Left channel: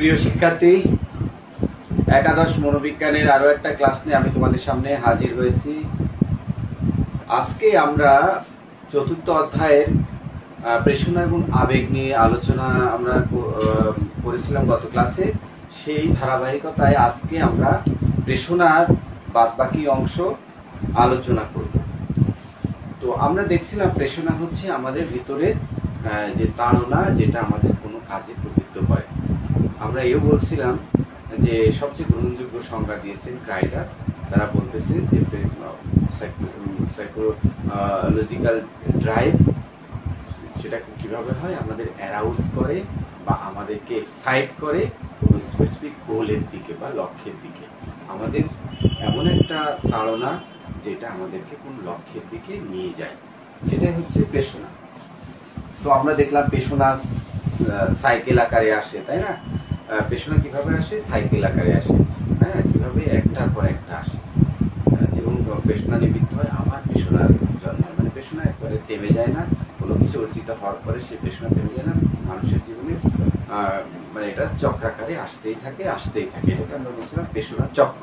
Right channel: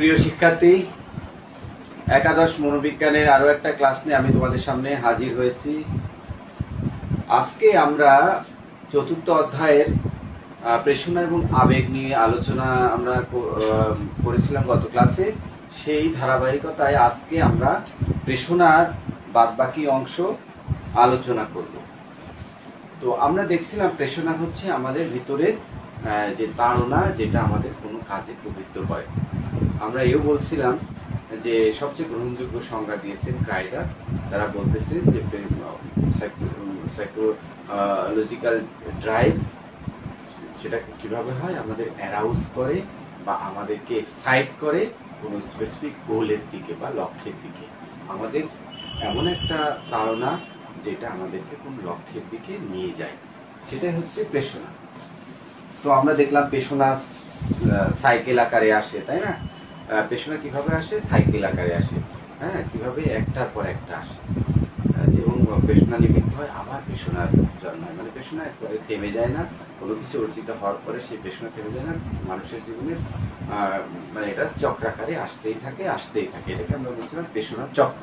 প্রিয় শিক্ষার্থী, একাদশ মনোবিজ্ঞানের আরো একটা ক্লাস নিয়ে আমি তোমাদের সামনে হাজির হয়েছি। আজকে আমরা চতুর্থ অধ্যায়ের প্রেষণা এবং আবেগ নিয়ে আলোচনা আমরা করেছিলাম গত ক্লাসে। সেই ধারাবাহিকতায় আজকে আমরা প্রেষণার বাদবাকি অংশ আলোচনা করব। তো আমরা দেখছিলাম প্রেষণা হচ্ছে আমাদের ভিতরের যে তাড়না, যেটা আমাদের কোনো কাজে প্রবৃত্ত করে। আমরা এও বলছিলাম যে সবচেয়ে গ্রহণযোগ্য সংজ্ঞা দিয়েছেন ক্রাইডার। তারা বলতেছেন যে সাইকোলজিক্যাল ড্রাইভ সেটা কিভাবে হয়, আমাদের অ্যারাউজ করে বা আমাদেরকে এক্সাইট করে কোনো স্পেসিফিক গোলের দিকে বা লক্ষ্যের দিকে। আমাদের এমন একটা তাড়না যেটা আমাদেরকে কোন লক্ষ্যের দিকে নিয়ে যায়, সেটাই হচ্ছে প্রেষণা। তো আমরা দেখলাম প্রেষণা সাইকেল আকারে আসে, তাই না? প্রেষণা কিভাবে আসে? সাইকেল আকারে আসে। হ্যাঁ, কিভাবে একটার পর একটা আসে এবং প্রেষণা নিমিত্ত হয়, আবার প্রেষণার জন্ম হয়। মানে প্রেষণা একবারে থেমে যায় না, কোনো কিছু অর্জিত হওয়ার পরে সেই প্রেষণা থেমে যায় না। মানুষের জীবনে মানে এটা চক্রাকারে আসতেই থাকে। এটাকে আমরা বলছিলাম প্রেষণা চক্র।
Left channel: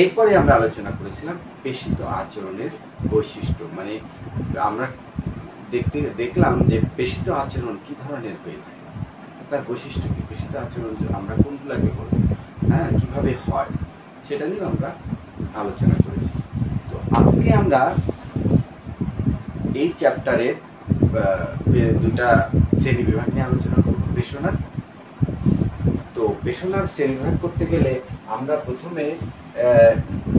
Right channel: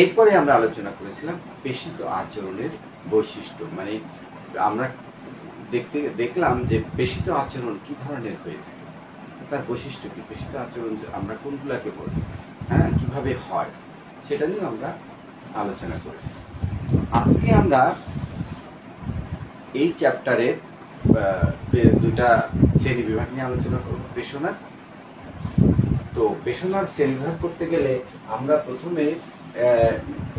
এরপরে আমরা আলোচনা করেছিলাম পেশিত আচরণের বৈশিষ্ট্য। মানে আমরা দেখলাম যে পেশিত আচরণ কি ধরনের হয়ে থাকে, তার বৈশিষ্ট্য কি, পেশিত আচরণ আমরা কোনগুলাকে বলবো, হ্যাঁ, কিভাবে হয়, সেটা নিয়ে আমরা আলোচনা করেছি। তো আজকে আমরা এই চ্যাপ্টারের দুটা শ্রেণী বিভাগ নিয়ে আলোচনা করব প্রেষণার। তো প্রেষণার শ্রেণী বিভাগ করতে গেলে আমরা প্রথমে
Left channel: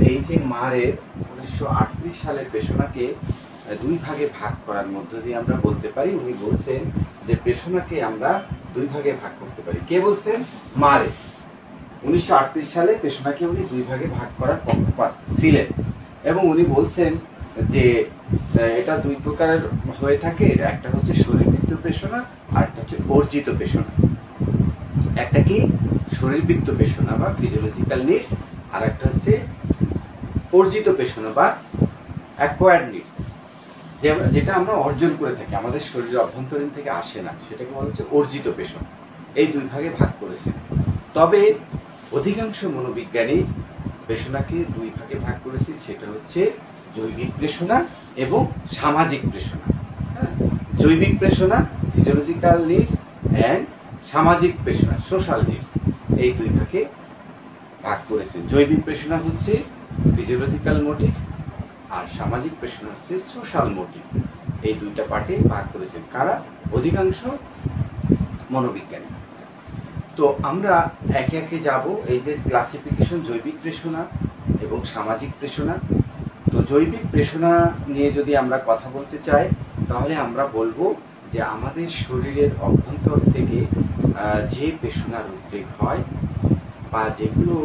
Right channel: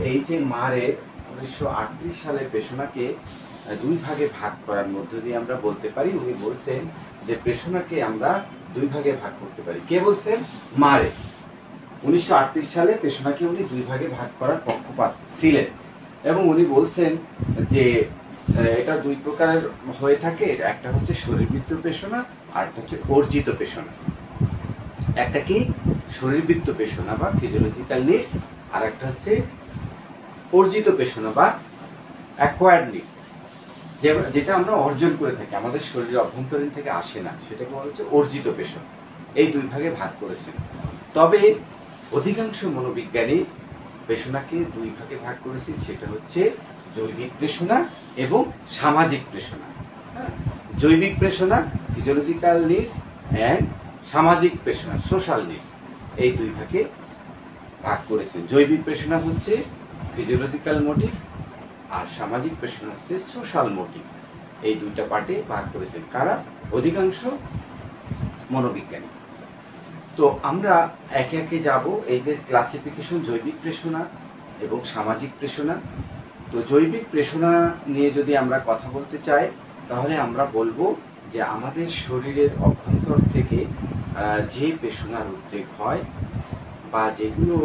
এই যে মারের 1938 সালের প্রেষণাকে দুই ভাগে ভাগ করার মধ্য দিয়ে আমরা বলতে পারি। উনি বলছেন যে প্রেষণাকে আমরা দুই ভাগে ভাগ করতে পারি। কে বলছেন? মারে 1938 সালে প্রেষণাকে উনি দুই ভাগে ভাগ করার পক্ষপাত ছিলেন এবং উনি বলছেন যে এটা দুই প্রকারের হয়ে থাকে। একটা হচ্ছে শরীরবৃত্ত প্রেষণা আর একটা হচ্ছে অর্জিত প্রেষণা। একটা কি শরীরবৃত্ত প্রেষণা বা ফিজিওলজিক্যাল নিডস, আর একটা হচ্ছে অর্জিত প্রেষণা বা অ্যাকোয়ার্ড নিডস, যেটা আমরা অর্জন করে থাকি, আমাদের শরীরের অভ্যন্তরীণ থেকে আসে না, সেটাকে বলা হচ্ছে অর্জিত প্রেষণা। এই দুই ভাগে ভাগ করেছেন। তবে অধিকাংশ মনোবিজ্ঞানী প্রেষণাকে দুই ভাগে ভাগ করেছেন, সেটা হচ্ছে জৈবিক প্রেষণা এবং সামাজিক প্রেষণা। হ্যাঁ, জৈবিক প্রেষণা ফিজিওলজিক্যাল নিডস এন্ড সামাজিক প্রেষণা সোশ্যাল নিডস, এই দুই ভাগে ভাগ করেছেন। জৈবিক প্রেষণা হচ্ছে ফিজিওলজিক্যাল মোটিভ আর সামাজিক প্রেষণা হচ্ছে সোশ্যাল মোটিভ। এই দুইটা পার্টে ভাগ করেছেন কারা? অধিকাংশ মনোবিজ্ঞানী। তো আমরা একে একে যাব। এই যে ক্লাসিফিকেশন, জৈবিক প্রেষণা এবং সামাজিক প্রেষণা। তো জৈবিক প্রেষণা নিয়ে যদি আমরা কথা বলতে চাই, তাহলে আমরা বলবো যে আমাদের শরীরের অভ্যন্তর থেকে যে প্রেষণার উদ্রেক হয় বা যেগুলো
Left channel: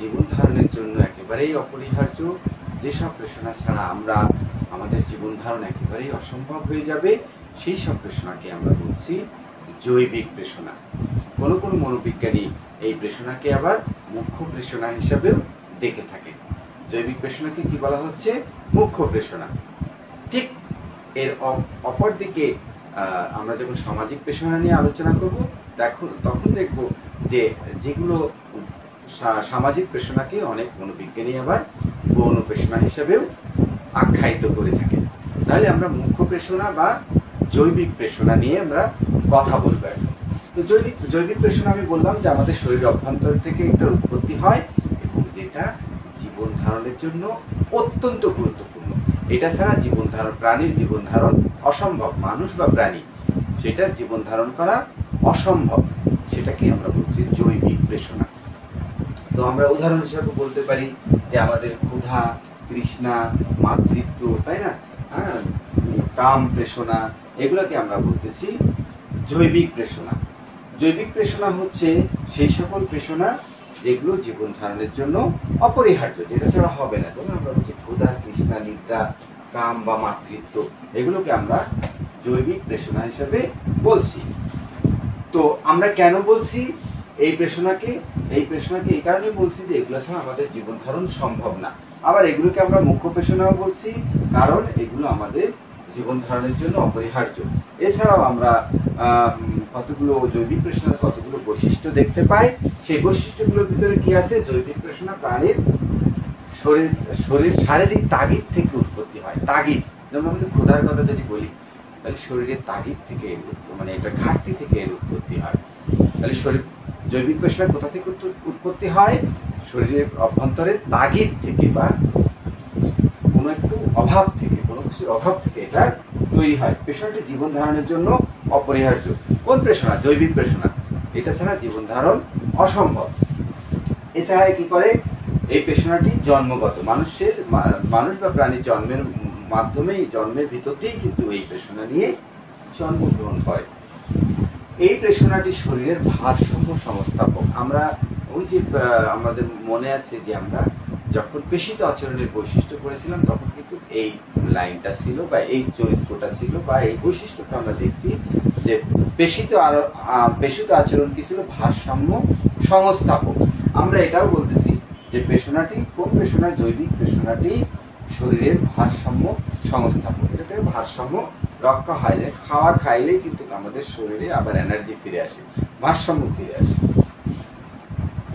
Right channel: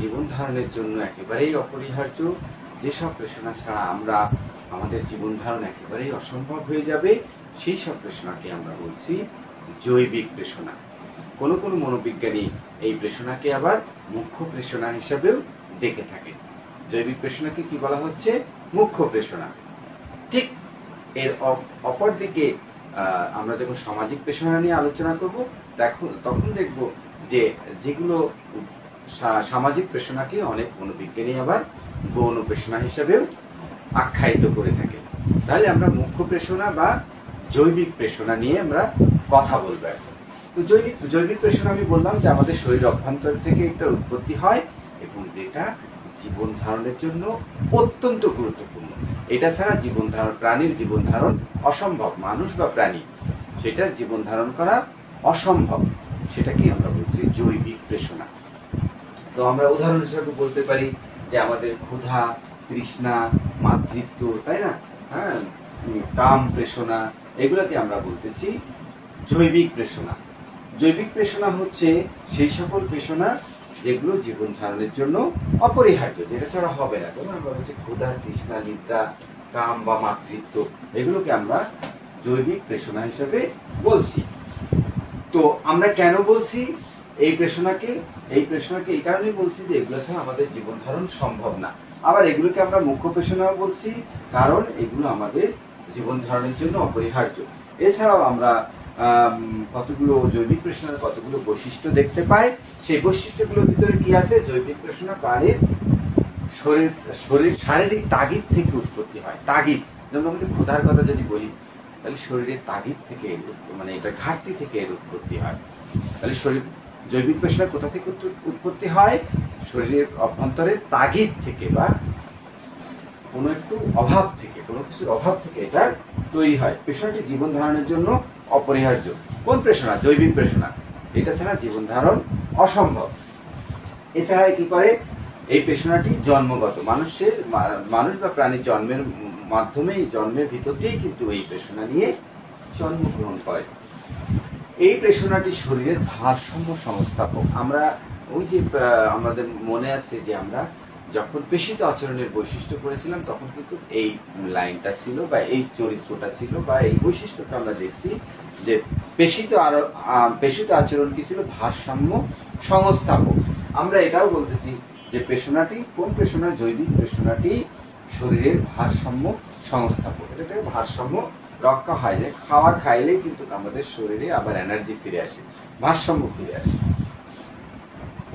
জীবন ধারণের জন্য একেবারেই অপরিহার্য, যেসব প্রেষণা ছাড়া আমাদের জীবন ধারণ একেবারেই অসম্ভব হয়ে যাবে, সেই সব প্রেষণাকে আমরা বলছি জৈবিক প্রেষণা। কোনো কোনো মনোবিজ্ঞানী এই প্রেষণাকে আবার মুখ্য প্রেষণা হিসাবেও দেখে থাকেন। জৈবিক প্রেষণাকে কি বলা হচ্ছে? মুখ্য প্রেষণা। ঠিক এর অপর দিকে আমরা যখন সামাজিক প্রেষণা নিয়ে আলোচনা করব, তখন দেখব যে যেগুলো সামাজিক প্রেষণাকে অনেক মনোবিজ্ঞানী আবার গৌণ প্রেষণা হিসেবেও আখ্যায়িত করে থাকে। তাহলে আমরা মুখ্য প্রেষণা বা জৈবিক প্রেষণা নিয়ে আমরা কথা বলবো এখন। তো জৈবিক প্রেষণা আমি বললাম যে আমাদের শরীর অভ্যন্তর থেকে একটা উৎপত্তি হয় এবং যেটা জীবন ধারণের জন্য অত্যন্ত গুরুত্বপূর্ণ। এটা ছাড়া প্রাণীর জীবন ধারণ অসম্ভব। মানুষ বা প্রাণী, সেটার জীবন ধারণ করা অসম্ভব। সেটাকে আমরা বলছি জৈবিক প্রেষণা। তো আমরা উদাহরণ হিসেবে বলতে পারি যে আমাদের ক্ষুধা, তৃষ্ণা, মাতৃত্ব, তাই না, হ্যাঁ, কাম প্রেষণা, এগুলাকে আমরা বলতেছি জৈবিক প্রেষণা। জৈবিক প্রেষণা হচ্ছে সেই সকল প্রেষণা যেগুলো জীবন ধারণের জন্য অপরিহার্য, যেটা ছাড়া হবে না। যেমন আমরা বলছি ক্ষুধা, তৃষ্ণা, নিদ্রা, কাম বা মাতৃত্ব, এগুলোকে আমরা জৈবিক প্রেষণা হিসেবে বলছি। তো আমরা কেন বলছি এই প্রেষণাকে এই কারণে বলছি যে এগুলো ছাড়া আমাদের জীবন ধারণ সম্ভব না। আবার এগুলোকে আমরা মুখ্য প্রেষণাও বলছি, কারণ এগুলো আমাদের জীবন ধারণের জন্য অপরিহার্য। এছাড়াও আমরা কতগুলো জৈবিক প্রেষণার কতগুলো বৈশিষ্ট্য দেখতে পাই। সেই বৈশিষ্ট্যগুলোর ভিতরে কি আছে? জৈবিক প্রেষণা প্রাণীর শারীরিক তাগিদ থেকে উৎপত্তি হয়। তাগিদ, যেমন আমাদের ক্ষুধার কথা যদি বলি, তাহলে শরীরের তাগিদ থেকে, মানে এটা ঘাটতি থেকে এর উৎপত্তি হয়। তাহলে জৈবিক প্রেষণা কোথা থেকে উৎপত্তি হয়? শরীরের অভ্যন্তরে তাগিদ থেকে বা কোনো একটু অভাব থেকে, কোনো কিছুর অভাব থেকে এটা তৈরি হয়। প্রেষণাটি জীবন ধারণের জন্য অপরিহার্য। কোন প্রেষণা? জৈবিক প্রেষণা। এটা ছাড়া জীবন ধারণ অসম্ভব। এছাড়া কি করে? এই প্রেষণাটি জন্মগত, মানুষ বা প্রাণীর জন্মের মাধ্যমেই, জন্মের ভিতরতেই কিন্তু এই প্রেষণা নিয়ে জন্মগ্রহণ করে। এই প্রেষণাটি শরীরের ভারসাম্য সংস্থাপক। আমরা ওই যে আমাদের মনে আছে যে আমরা যখন পেশিত আচরণের বৈশিষ্ট্য করেছিলাম, তখন কিন্তু এই লাইনটা ছিল বা এই চরিত্রটা ছিল বা এই বৈশিষ্ট্যটা আমরা দেখছি যে পেশিত আচরণ কি ছিল? ভারসাম্য সংস্থাপক। আমরা এটাও বলতেছি যে প্রেষণাটি, কোন প্রেষণা? জৈবিক প্রেষণাটি শরীরের ভারসাম্য সংস্থাপক। এটা থেকে ভারসাম্য রক্ষা হয় না। খাওয়া খাইলেই কিন্তু আমাদের শরীরে আবার এনার্জি ফিরে আসে, ভারসাম্য ফিরে আসে।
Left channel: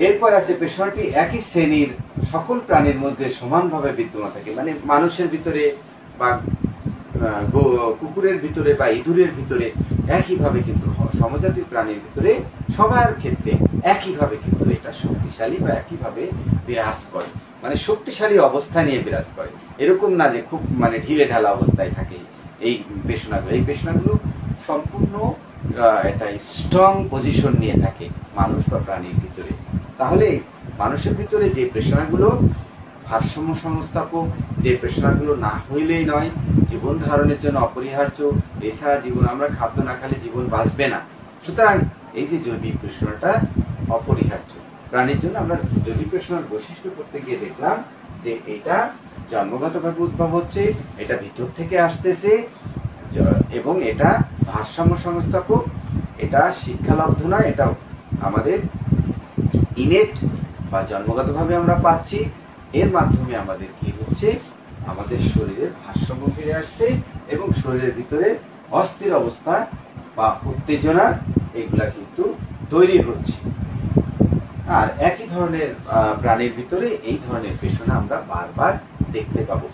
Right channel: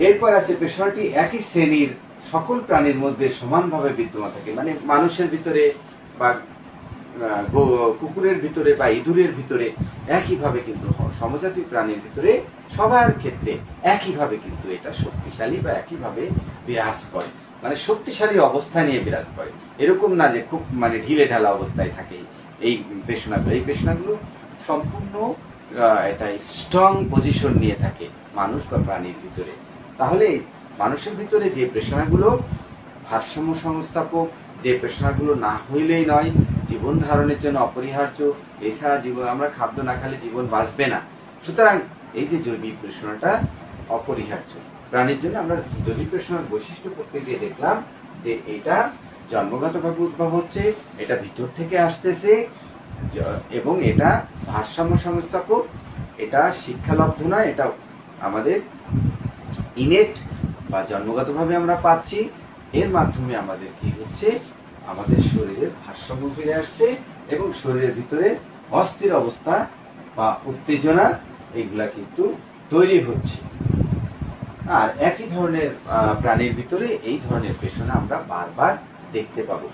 এরপর আছে প্রেষণাটি একই শ্রেণীর সকল প্রাণীর মধ্যে সমানভাবে বিদ্যমান থাকে। মানে মানুষের ভিতরে বা কুকুরের ভিতরে বা ইঁদুরের ভিতরে একইভাবে কিন্তু, সমজাতীয় প্রাণীর ভিতরে সবার ক্ষেত্রে একইভাবে কিন্তু এটা শক্তিশালী বা একইভাবে বিরাজ করে। মানে শক্তিশালী অবস্থা নিয়ে বিরাজ করে, এরকম না যে খুব মানে ঢিলে ঢালা অবস্থায় থাকে এই পেশনাগুলো। এই পেশনাগুলো সম্পূর্ণ এটা স্ট্রং পজিশন নিয়ে থাকে মানুষ বা প্রাণীর ভিতরে। তাহলে মানুষের ভিতরে যে পেশনাগুলো ভারসাম্য সংস্থাপক, যে পেশনাগুলো না হইলেই নয়, জীবন ধারণের জন্য অপরিহার্য, এছাড়া আমরা খাদ্য না খেলে জীবন বাঁচবে না। সুতরাং এই যে জৈবিক পেশনাটা অপরিহার্য প্রাণীর জন্য। আমরা জৈবিক পেশনার বৈশিষ্ট্য করতে গিয়ে দেখলাম যে এটা জন্মগতভাবে উদ্ভব হচ্ছে, এটা ভিতর থেকে আসতেছে এবং এটা ভারসাম্য সংস্থাপক, এটা শিক্ষালব্ধ নয়, এটা আমাদের ইনেট বা জন্মগতভাবে আমরা পাচ্ছি। এর মাধ্যমে আমাদের কি হচ্ছে? আমাদের শরীরের ভারসাম্য ফিরে আসছে এবং শরীরের ভিতরে অস্থির অবস্থা বা উত্তেজনা এগুলা কিন্তু তৈরি হচ্ছে। আর একই ধরনের প্রাণীর ভিতরে এই ধরনের পেশনা আমরা বারবার দেখতে পাবো।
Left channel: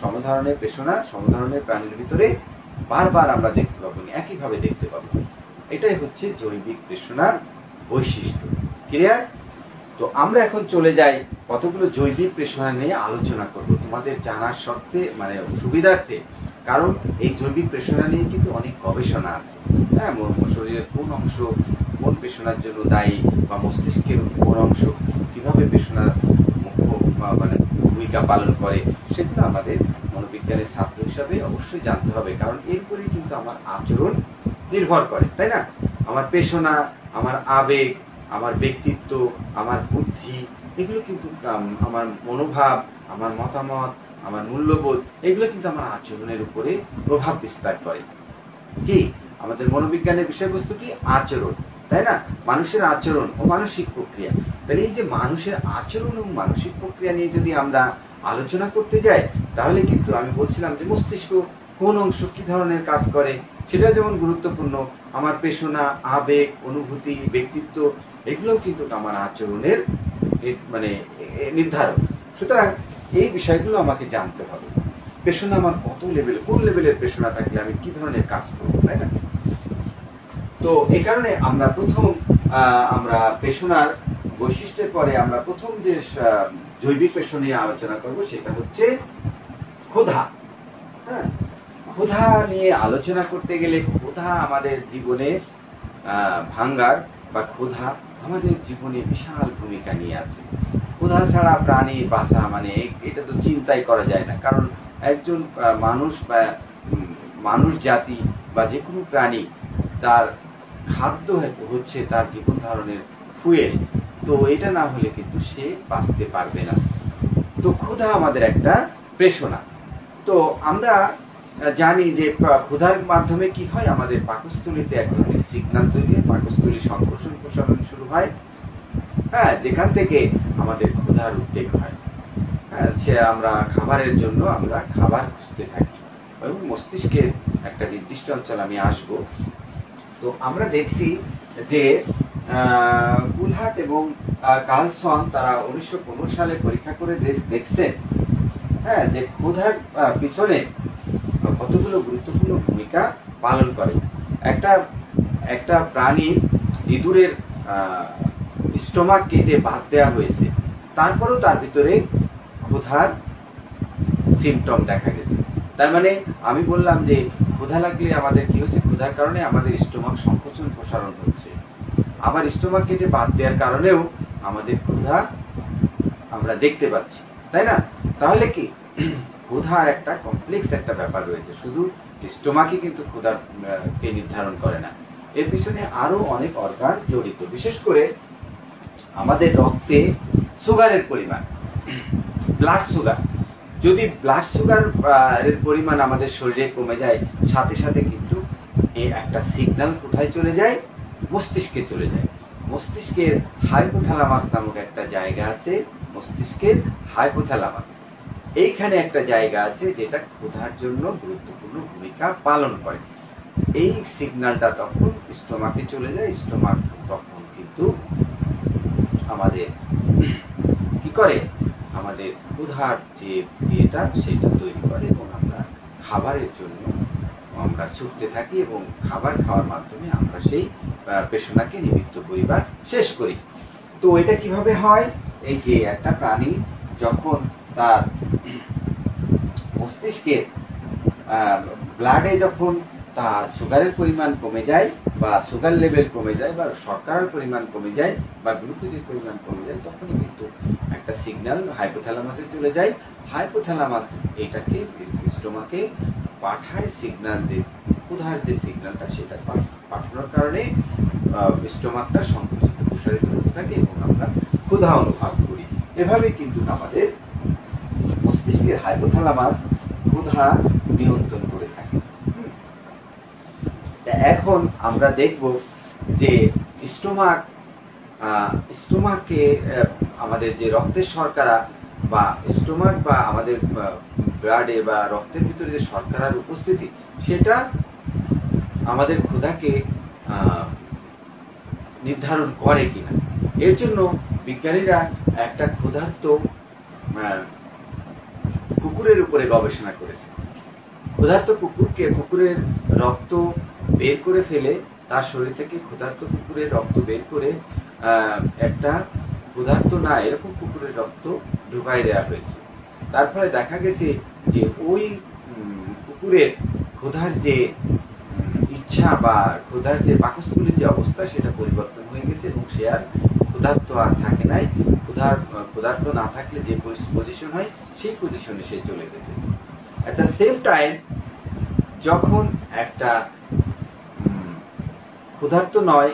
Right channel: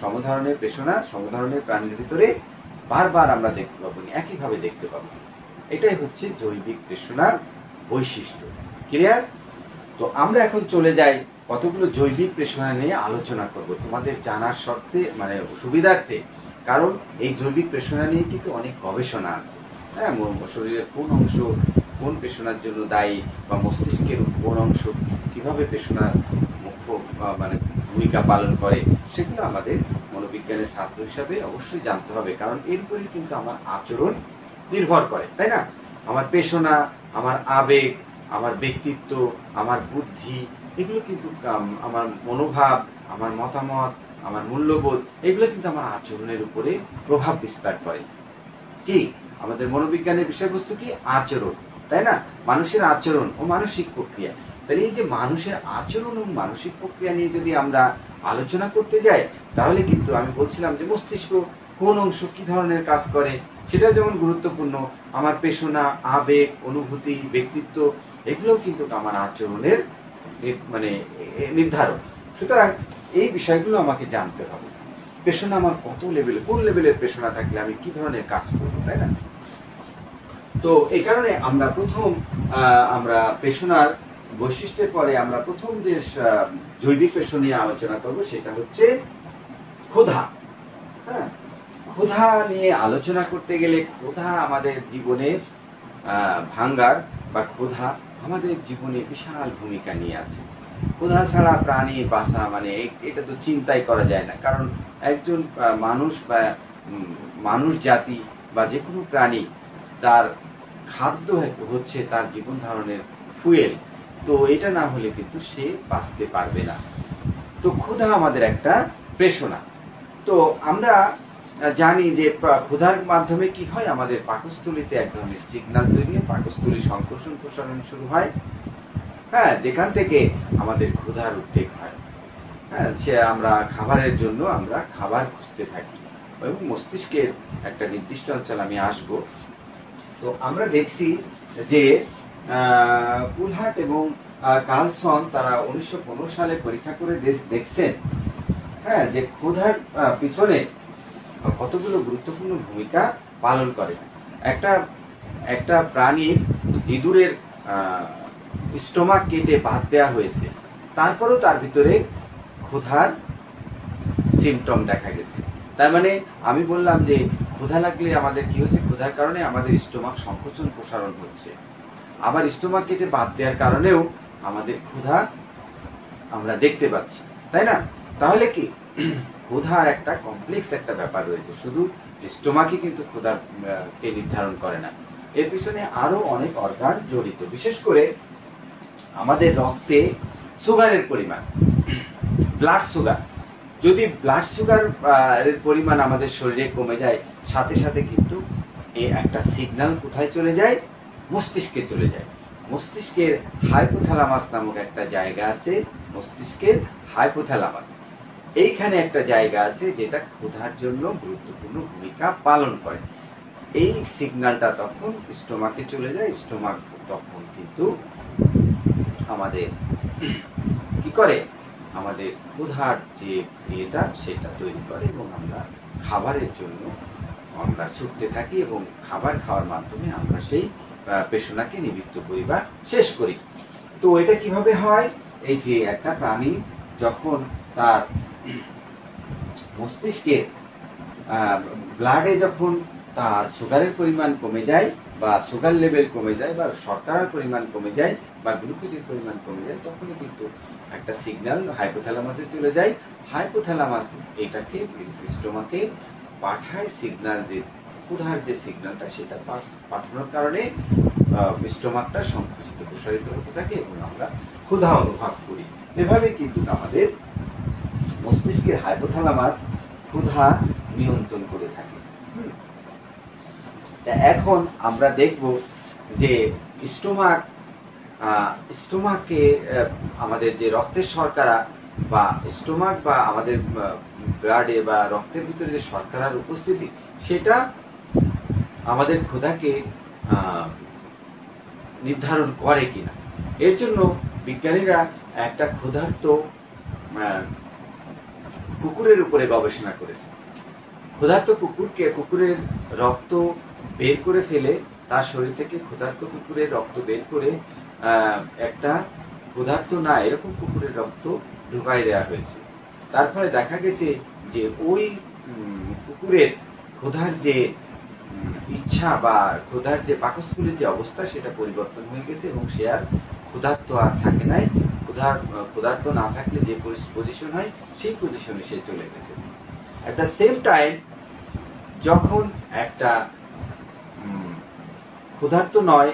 সমধরনের পেশনা সমধরনের প্রাণীর ভিতরে বারবার আমরা দেখতে পাবো, একইভাবে দেখতে পাবো। এটাই হচ্ছে জৈবিক পেশনার বৈশিষ্ট্য। ক্লিয়ার? তো আমরা এখন চলে যাই কতগুলো জৈবিক পেশনা নিয়ে আলোচনা করব তোমাদের জানার শর্তে, মানে সুবিধার্থে। কারণ এই জৈবিক পেশনা নিয়ে কিন্তু অনেক গবেষণা আছে। হ্যাঁ, শরীরের কোন অংশ কোন পেশনার জন্য দায়ী বা মস্তিষ্কের কোন অংশ কিভাবে পেশনার মুখ্য মানে ভূমিকা পালন করে, সেগুলো আমাদের মনোবিজ্ঞানের ছাত্র হিসাবে অবশ্যই জানতে হবে। কারণ এরপরে কিন্তু আমার আচরণ নির্ভর করে, তাই না? আমার পেশনা, আমার আবেগ, আমার ব্যক্তিত্ব, আমার বুদ্ধি, এগুলো কিন্তু আমার মনোভাব, আমার মতামত, আমার মূল্যবোধ, এগুলো কিন্তু আমার আচরণের উপরে প্রভাব বিস্তার করে। কি আমাদের মনোবিজ্ঞানের বিষয়বস্তু কি? আচরণ, তাই না? মানুষের আচরণ ও মানসিক প্রক্রিয়া। তাহলে এই যে মানুষের আচরণ ও মানসিক প্রক্রিয়া নিয়ে যদি আমরা আলোচনা করতে যাই, তাহলে কিন্তু আমি বলছিলাম যে মস্তিষ্ক কোন অংশ কি ধরনের কাজ করে সেটা যেমন গুরুত্বপূর্ণ, আমার পেশনা, আবেগ, অনুভূতি, ব্যক্তিত্ব, এগুলোও কিন্তু আমার আচরণের মানে নির্ধারক। সুতরাং এই বিষয়গুলো আমাকে জানতে হবে। পেশনা আমার কত লেভেল, কোন লেভেলের পেশনা থাকলে আমি কি ধরনের কাজ করবো, তাই না? তো এই কারণে আমরা আমরা পেশনার বৈশিষ্ট্যের পরে আমরা প্রথম যে জৈবিক পেশনা নিয়ে আলোচনা করব সেটা হচ্ছে ক্ষুধা। হ্যাঁ, ক্ষুধা নিয়ে আলোচনা করতে গেলে ক্ষুধা আমাদের জীবনে ভাঙ্গার বা ক্ষুধা আমাদের জীবনে বিশাল ভূমিকা নিয়ে আছে। ক্ষুধা ছাড়া প্রাণী বাঁচা মানে এটা তো চিন্তাই করা যায় না। কারণ একজন মানুষ বা মানুষ জাতি বা যে কোনো প্রাণী, তার খাদ্য হচ্ছে তার জীবন ধারণের ফুয়েল। তো এটা না হলে কিন্তু সে বাঁচতে পারবে না। তো ক্ষুধা আমাদের একটা পেশনা। তো আমরা জানি যে ক্ষুধার মাধ্যমে কি হয়, আমাদের পাকস্থলীতে এক ধরনের সিগন্যাল তৈরি হয়, পাকস্থলী সংকোচন প্রসারণ শুরু হয়। হ্যাঁ, যেখান থেকে আমাদের ক্ষুধার উদ্বেগ হয়। হ্যাঁ, সে আমরা খাবারের জন্য আমরা খাবার খুঁজতে থাকি এবং মস্তিষ্কের একটা নির্দিষ্ট অঞ্চল আমি আসবো, তো আমরা দেখছি যে কুলহার্ট এবং কার্লসন তারা 1915 সালে পরীক্ষা করে দেখছেন, হ্যাঁ, যে ক্ষুধার পিছনে কতগুলো গুরুত্বপূর্ণ ভূমিকা পালন করে। একটা প্রাণীর ইঁদুরের স্টোমাক কেটে বাদ দেওয়া হয়েছে, তারপরেও তার ভিতরে ক্ষুধার সিমটম দেখা গেছে। তার মানে আমি বললাম যে ক্ষুধা লাগলে আমাদের কি হচ্ছে, ক্ষুধার কারণে আমাদের স্টোমাক সংকোচন প্রসারণ হচ্ছে, আবার স্টোমাক কেটে বাদ দেওয়ার কারণেও আমাদের ক্ষুধা আমরা দেখতে পাচ্ছি, তাই না? তাহলে কি ক্ষুধার একটা কমপ্লেক্স একটা ব্যাপার রয়েছে, শুধু স্টোমাকই কিন্তু ক্ষুধার কে নির্ধারণ করে না, এর পিছনে আরো অনেক অর্গান জড়িত। বিশেষ করে আমাদের রক্তে সুগারের পরিমাণ, ব্লাড সুগার, যদি ব্লাড সুগার এর পরিমাণ আমাদের শরীরে কমে যায়, সাথে সাথে কিন্তু একটা সিগন্যাল কোথায় চলে যায়, মস্তিষ্কে চলে যায়। মস্তিষ্কের হাইপোথ্যালামাস নামক একটা জায়গা আছে, মস্তিষ্কের হাইপোথ্যালামাস, এইখানে একটা জায়গা আছে যেটা ক্ষুধার জন্য গুরুত্বপূর্ণ ভূমিকা পালন করে। এই সিগন্যালটা তখন স্টোমাকে চলে যায়, স্টোমাক তখন কিন্তু আমাদের কি করে, আমাদের ক্ষুধার যে ইয়েটা সেটা তৈরি করে এবং আমরা খাবারের জন্য আমরা ছুটতে থাকি এবং খাবার খাওয়ার মাধ্যমে আমরা সেই পেশনাকে নিবৃত্ত করি বা শেষ করি। তো এটা কিভাবে হয়, এই যে একটা প্রাণী যখন তার মস্তিষ্কে ব্লাডে যখন তার সুগারের পরিমাণ কমে যায় বা সুগার লেভেল কমে যায় বা শর্করার পরিমাণ কমে যায় বা গ্লুকোজের পরিমাণ কমে যায়, তখনই কিন্তু একটা সিগন্যাল হাইপোথ্যালামাসে চলে যায়। হাইপোথ্যালামাস এটাকে স্টোমাকে পাঠায় সিগন্যাল, যে ক্ষুধার যে সিগন্যালটা সেটা পাঠানোর কারণে স্টোমাকটা সংকুচিত প্রসারিত হতে থাকে এবং আমরা ক্ষুধা অনুভব করি। এভাবে কিন্তু আমাদের মস্তিষ্কের হাইপোথ্যালামাস ক্ষুধা নিয়ন্ত্রণ করে থাকে। এখন আমরা দেখব যে স্টোমাকে আমাদের যে রক্তের শর্করা বা স্টোমাক বা আমাদের ব্লাডে বা রক্তের ভিতরে যে শর্করার উপস্থিতি, সেটা আমাদের ক্ষুধাকে নির্ধারণ করে কিনা। এর জন্য বিজ্ঞানীরা একটা ক্ষুধার্ত কুকুরের উপরে গবেষণা করেছে। ক্ষুধার্ত কুকুরের রক্ত বের করে ফেলে, তার শরীর থেকে ক্ষুধার্ত কুকুরের রক্ত বের করে একটা ক্ষুধার্ত না এরকম কুকুরের রক্ত ঢুকাই দেওয়া হয়েছে। তারপরে দেখা গেছে যে ওই কুকুরের ক্ষুধার যে ইচ্ছা বা ক্ষুধার যে পাকস্থলীর যে অবস্থা সেটা পরিবর্তন হয়ে গেছে এবং সে আর ক্ষুধার্ত আর থাকে নাই। ক্ষুধার্ত না থাকলে যে পজিশন হয় সেই পজিশনে সে চলে গেছে। এট দ্য সেম টাইম যখন একটা ক্ষুধার্ত নয়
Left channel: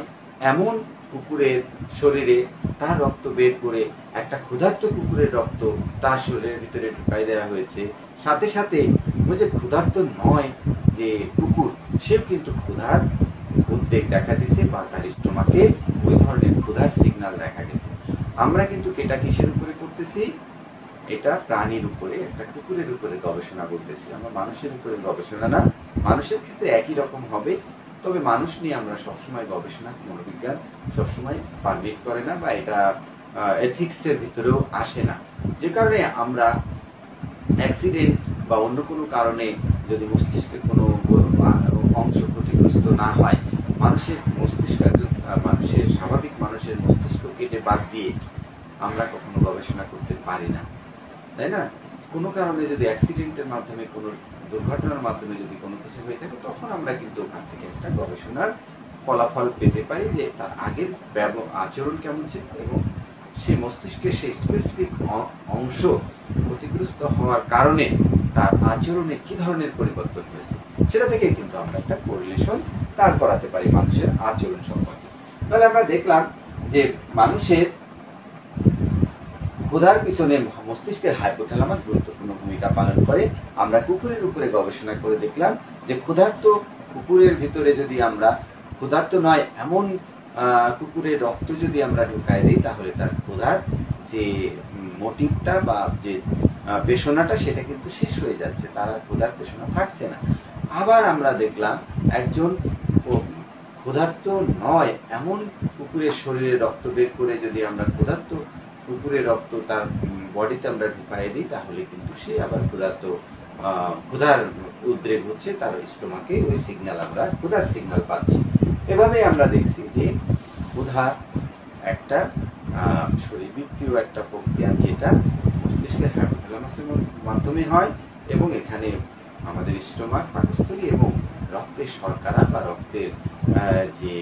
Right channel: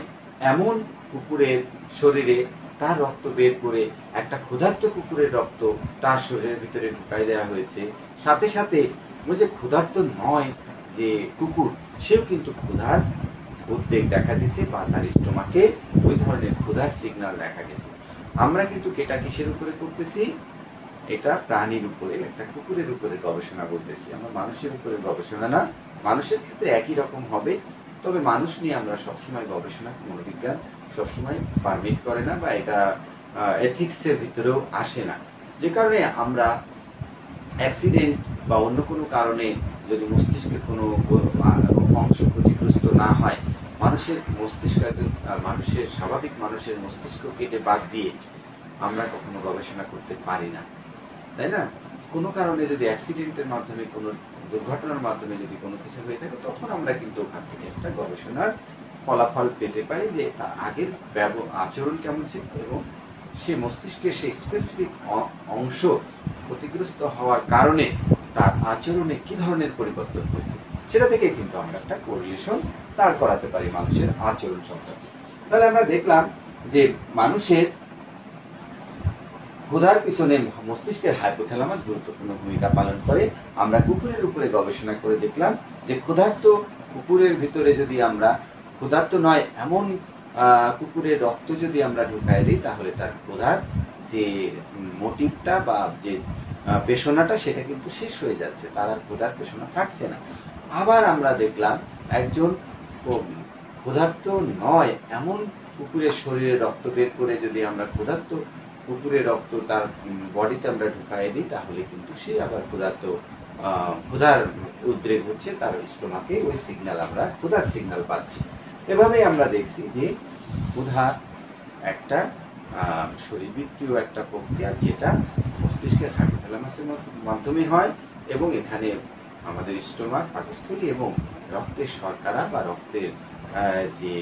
এমন কুকুরের শরীরে তার রক্ত বের করে একটা ক্ষুধার্ত কুকুরের রক্ত তার শরীরের ভিতরে ঢুকাই দেওয়া হয়েছে, সাথে সাথে ওই যে ক্ষুধার্ত নয় যে কুকুর, সেও কিন্তু ক্ষুধার উদ্বেগ দেখা দিছে বা তার স্টোমাকে ওই ধরনের ক্ষুধার সিগন্যাল দেখা গেছে। আমরা কিন্তু এটা কিসের উপরে করতেছি, এটা প্রাণীর উপরে, একটা কুকুরের উপরে গবেষণা করতেছি, আমরা মানুষের উপরে গবেষণা না। মানুষের ক্ষেত্রে একই রকম হবে, তবে মানুষ নিয়ে আমরা সবসময় গবেষণা মনোবিজ্ঞান সবসময় পারমিট করে না বা এটা এথিক্সের ভিতরেও আসে না। যে কারণে আমরা অ্যাক্সিডেন্ট বা অন্য কোনো কারণে যদি মস্তিষ্কের কোনো অংশ ক্ষতিগ্রস্ত না হয়, মানুষের মস্তিষ্ক মানুষের স্বাভাবিক মানুষের মস্তিষ্ক কেটে বাদ দিয়ে আমরা কখনো গবেষণা করতে পারি না, তাই না? কোনো কারণে যদি অ্যাক্সিডেন্টের মাধ্যমে কোনো দুর্ঘটনার মাধ্যমে যদি কোনো কিছু হয়ে থাকে, তখন আমরা কিন্তু ওখান থেকে একটা গবেষণার ফলাফল পেতে পারি যে তার আগের আচরণ কেমন ছিল এবং সে মস্তিষ্কের সেই স্পেসিফিক অংশ ক্ষতিগ্রস্ত হওয়ার কারণে তার আচরণে কি ধরনের পরিবর্তন হয়েছে, সেটা থেকে কিন্তু আমরা একটা কোরিলেশন দাঁড় করাতে পারি মানুষের আচরণ সম্পর্কে। তাহলে আমরা দেখলাম যে মানুষের ক্ষুধার পিছনে মস্তিষ্কের হাইপোথ্যালামাস গুরুত্বপূর্ণ ভূমিকা পালন করে। আমরা কুকুরের উপরে গবেষণা করে দেখলাম যে ক্ষুধার্ত কুকুরের ভিতরে যদি আমরা ক্ষুধার্ত নয় এমন কুকুরের রক্ত যদি আমরা ঢুকাই দিই, তাহলে তার ক্ষুধার যে মোটিভটা বা যে পেশনাটা সেটা কিন্তু শেষ হয়ে যাচ্ছে, তার আর ক্ষুধার পেশনা থাকছে না। আবার আমরা দেখলাম একজন ক্ষুধার্ত নয় এমন কুকুরের শরীরে রক্ত বের করে যদি আমরা ক্ষুধার্ত কুকুরের রক্ত তার বডিতে আমরা ঢুকাই দিই, তাহলে কিন্তু সে আবার ক্ষুধার উদ্রেক হচ্ছে, তার স্টোমাকে ওই সিগন্যাল, আমরা ক্ষুধার সিগন্যাল পাচ্ছি। এভাবে আমরা দেখছি যে ক্ষুধা একটা শরীরবৃত্তীয় একটা প্রক্রিয়া, যেটা মস্তিষ্কের হাইপোথ্যালামাসের মাধ্যমে হয়, এবং এখানে আমাদের স্টোমাক, পাকস্থলী এবং রক্তের শর্করা বা রক্তের যে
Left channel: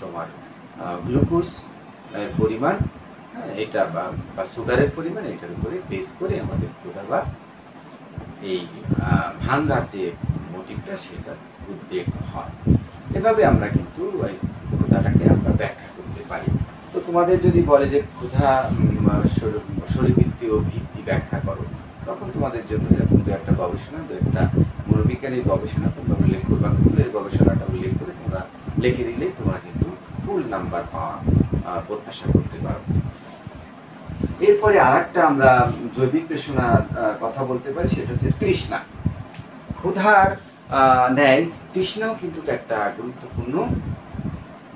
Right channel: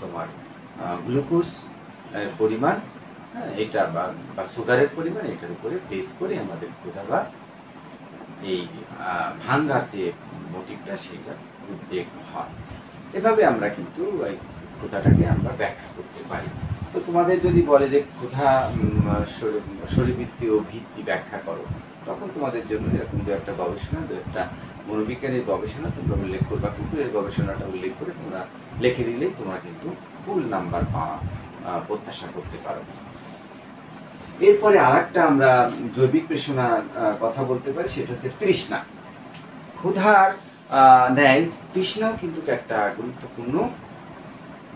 তোমার গ্লুকোজ পরিমাণ, এটা বা সুগারের পরিমাণ, এটার উপরে বেস করে আমাদের ক্ষুধা বা এই ভাঙ্গার যে মোটিভটা, সেটা উদ্বেগ হয়। এভাবে আমরা কিন্তু ওই ক্ষুধাটাকে আমরা ব্যাখ্যা করতে পারি। তো তোমাদের যদি বলে যে ক্ষুধা শরীরবৃত্তীয় ভিত্তি ব্যাখ্যা করো, তখন তোমাদের জন্য এরকম দু একটা গবেষণা, দু একটা মনোবিজ্ঞানের গবেষণা তোমরা উল্লেখ করবে, বা কুকুরের গবেষণাটা উল্লেখ করে তোমরা লিখে দিলেই তোমরা কিন্তু ফুল নাম্বার পাওয়া প্রত্যাশা করতে পারো। এরপরে আরেকটা আমরা জৈবিক প্রেষণার কথা বলতে পারি, সেটা হচ্ছে তৃষ্ণা। ক্ষুধার ন্যায় তৃষ্ণাও কিন্তু একটা গুরুত্বপূর্ণ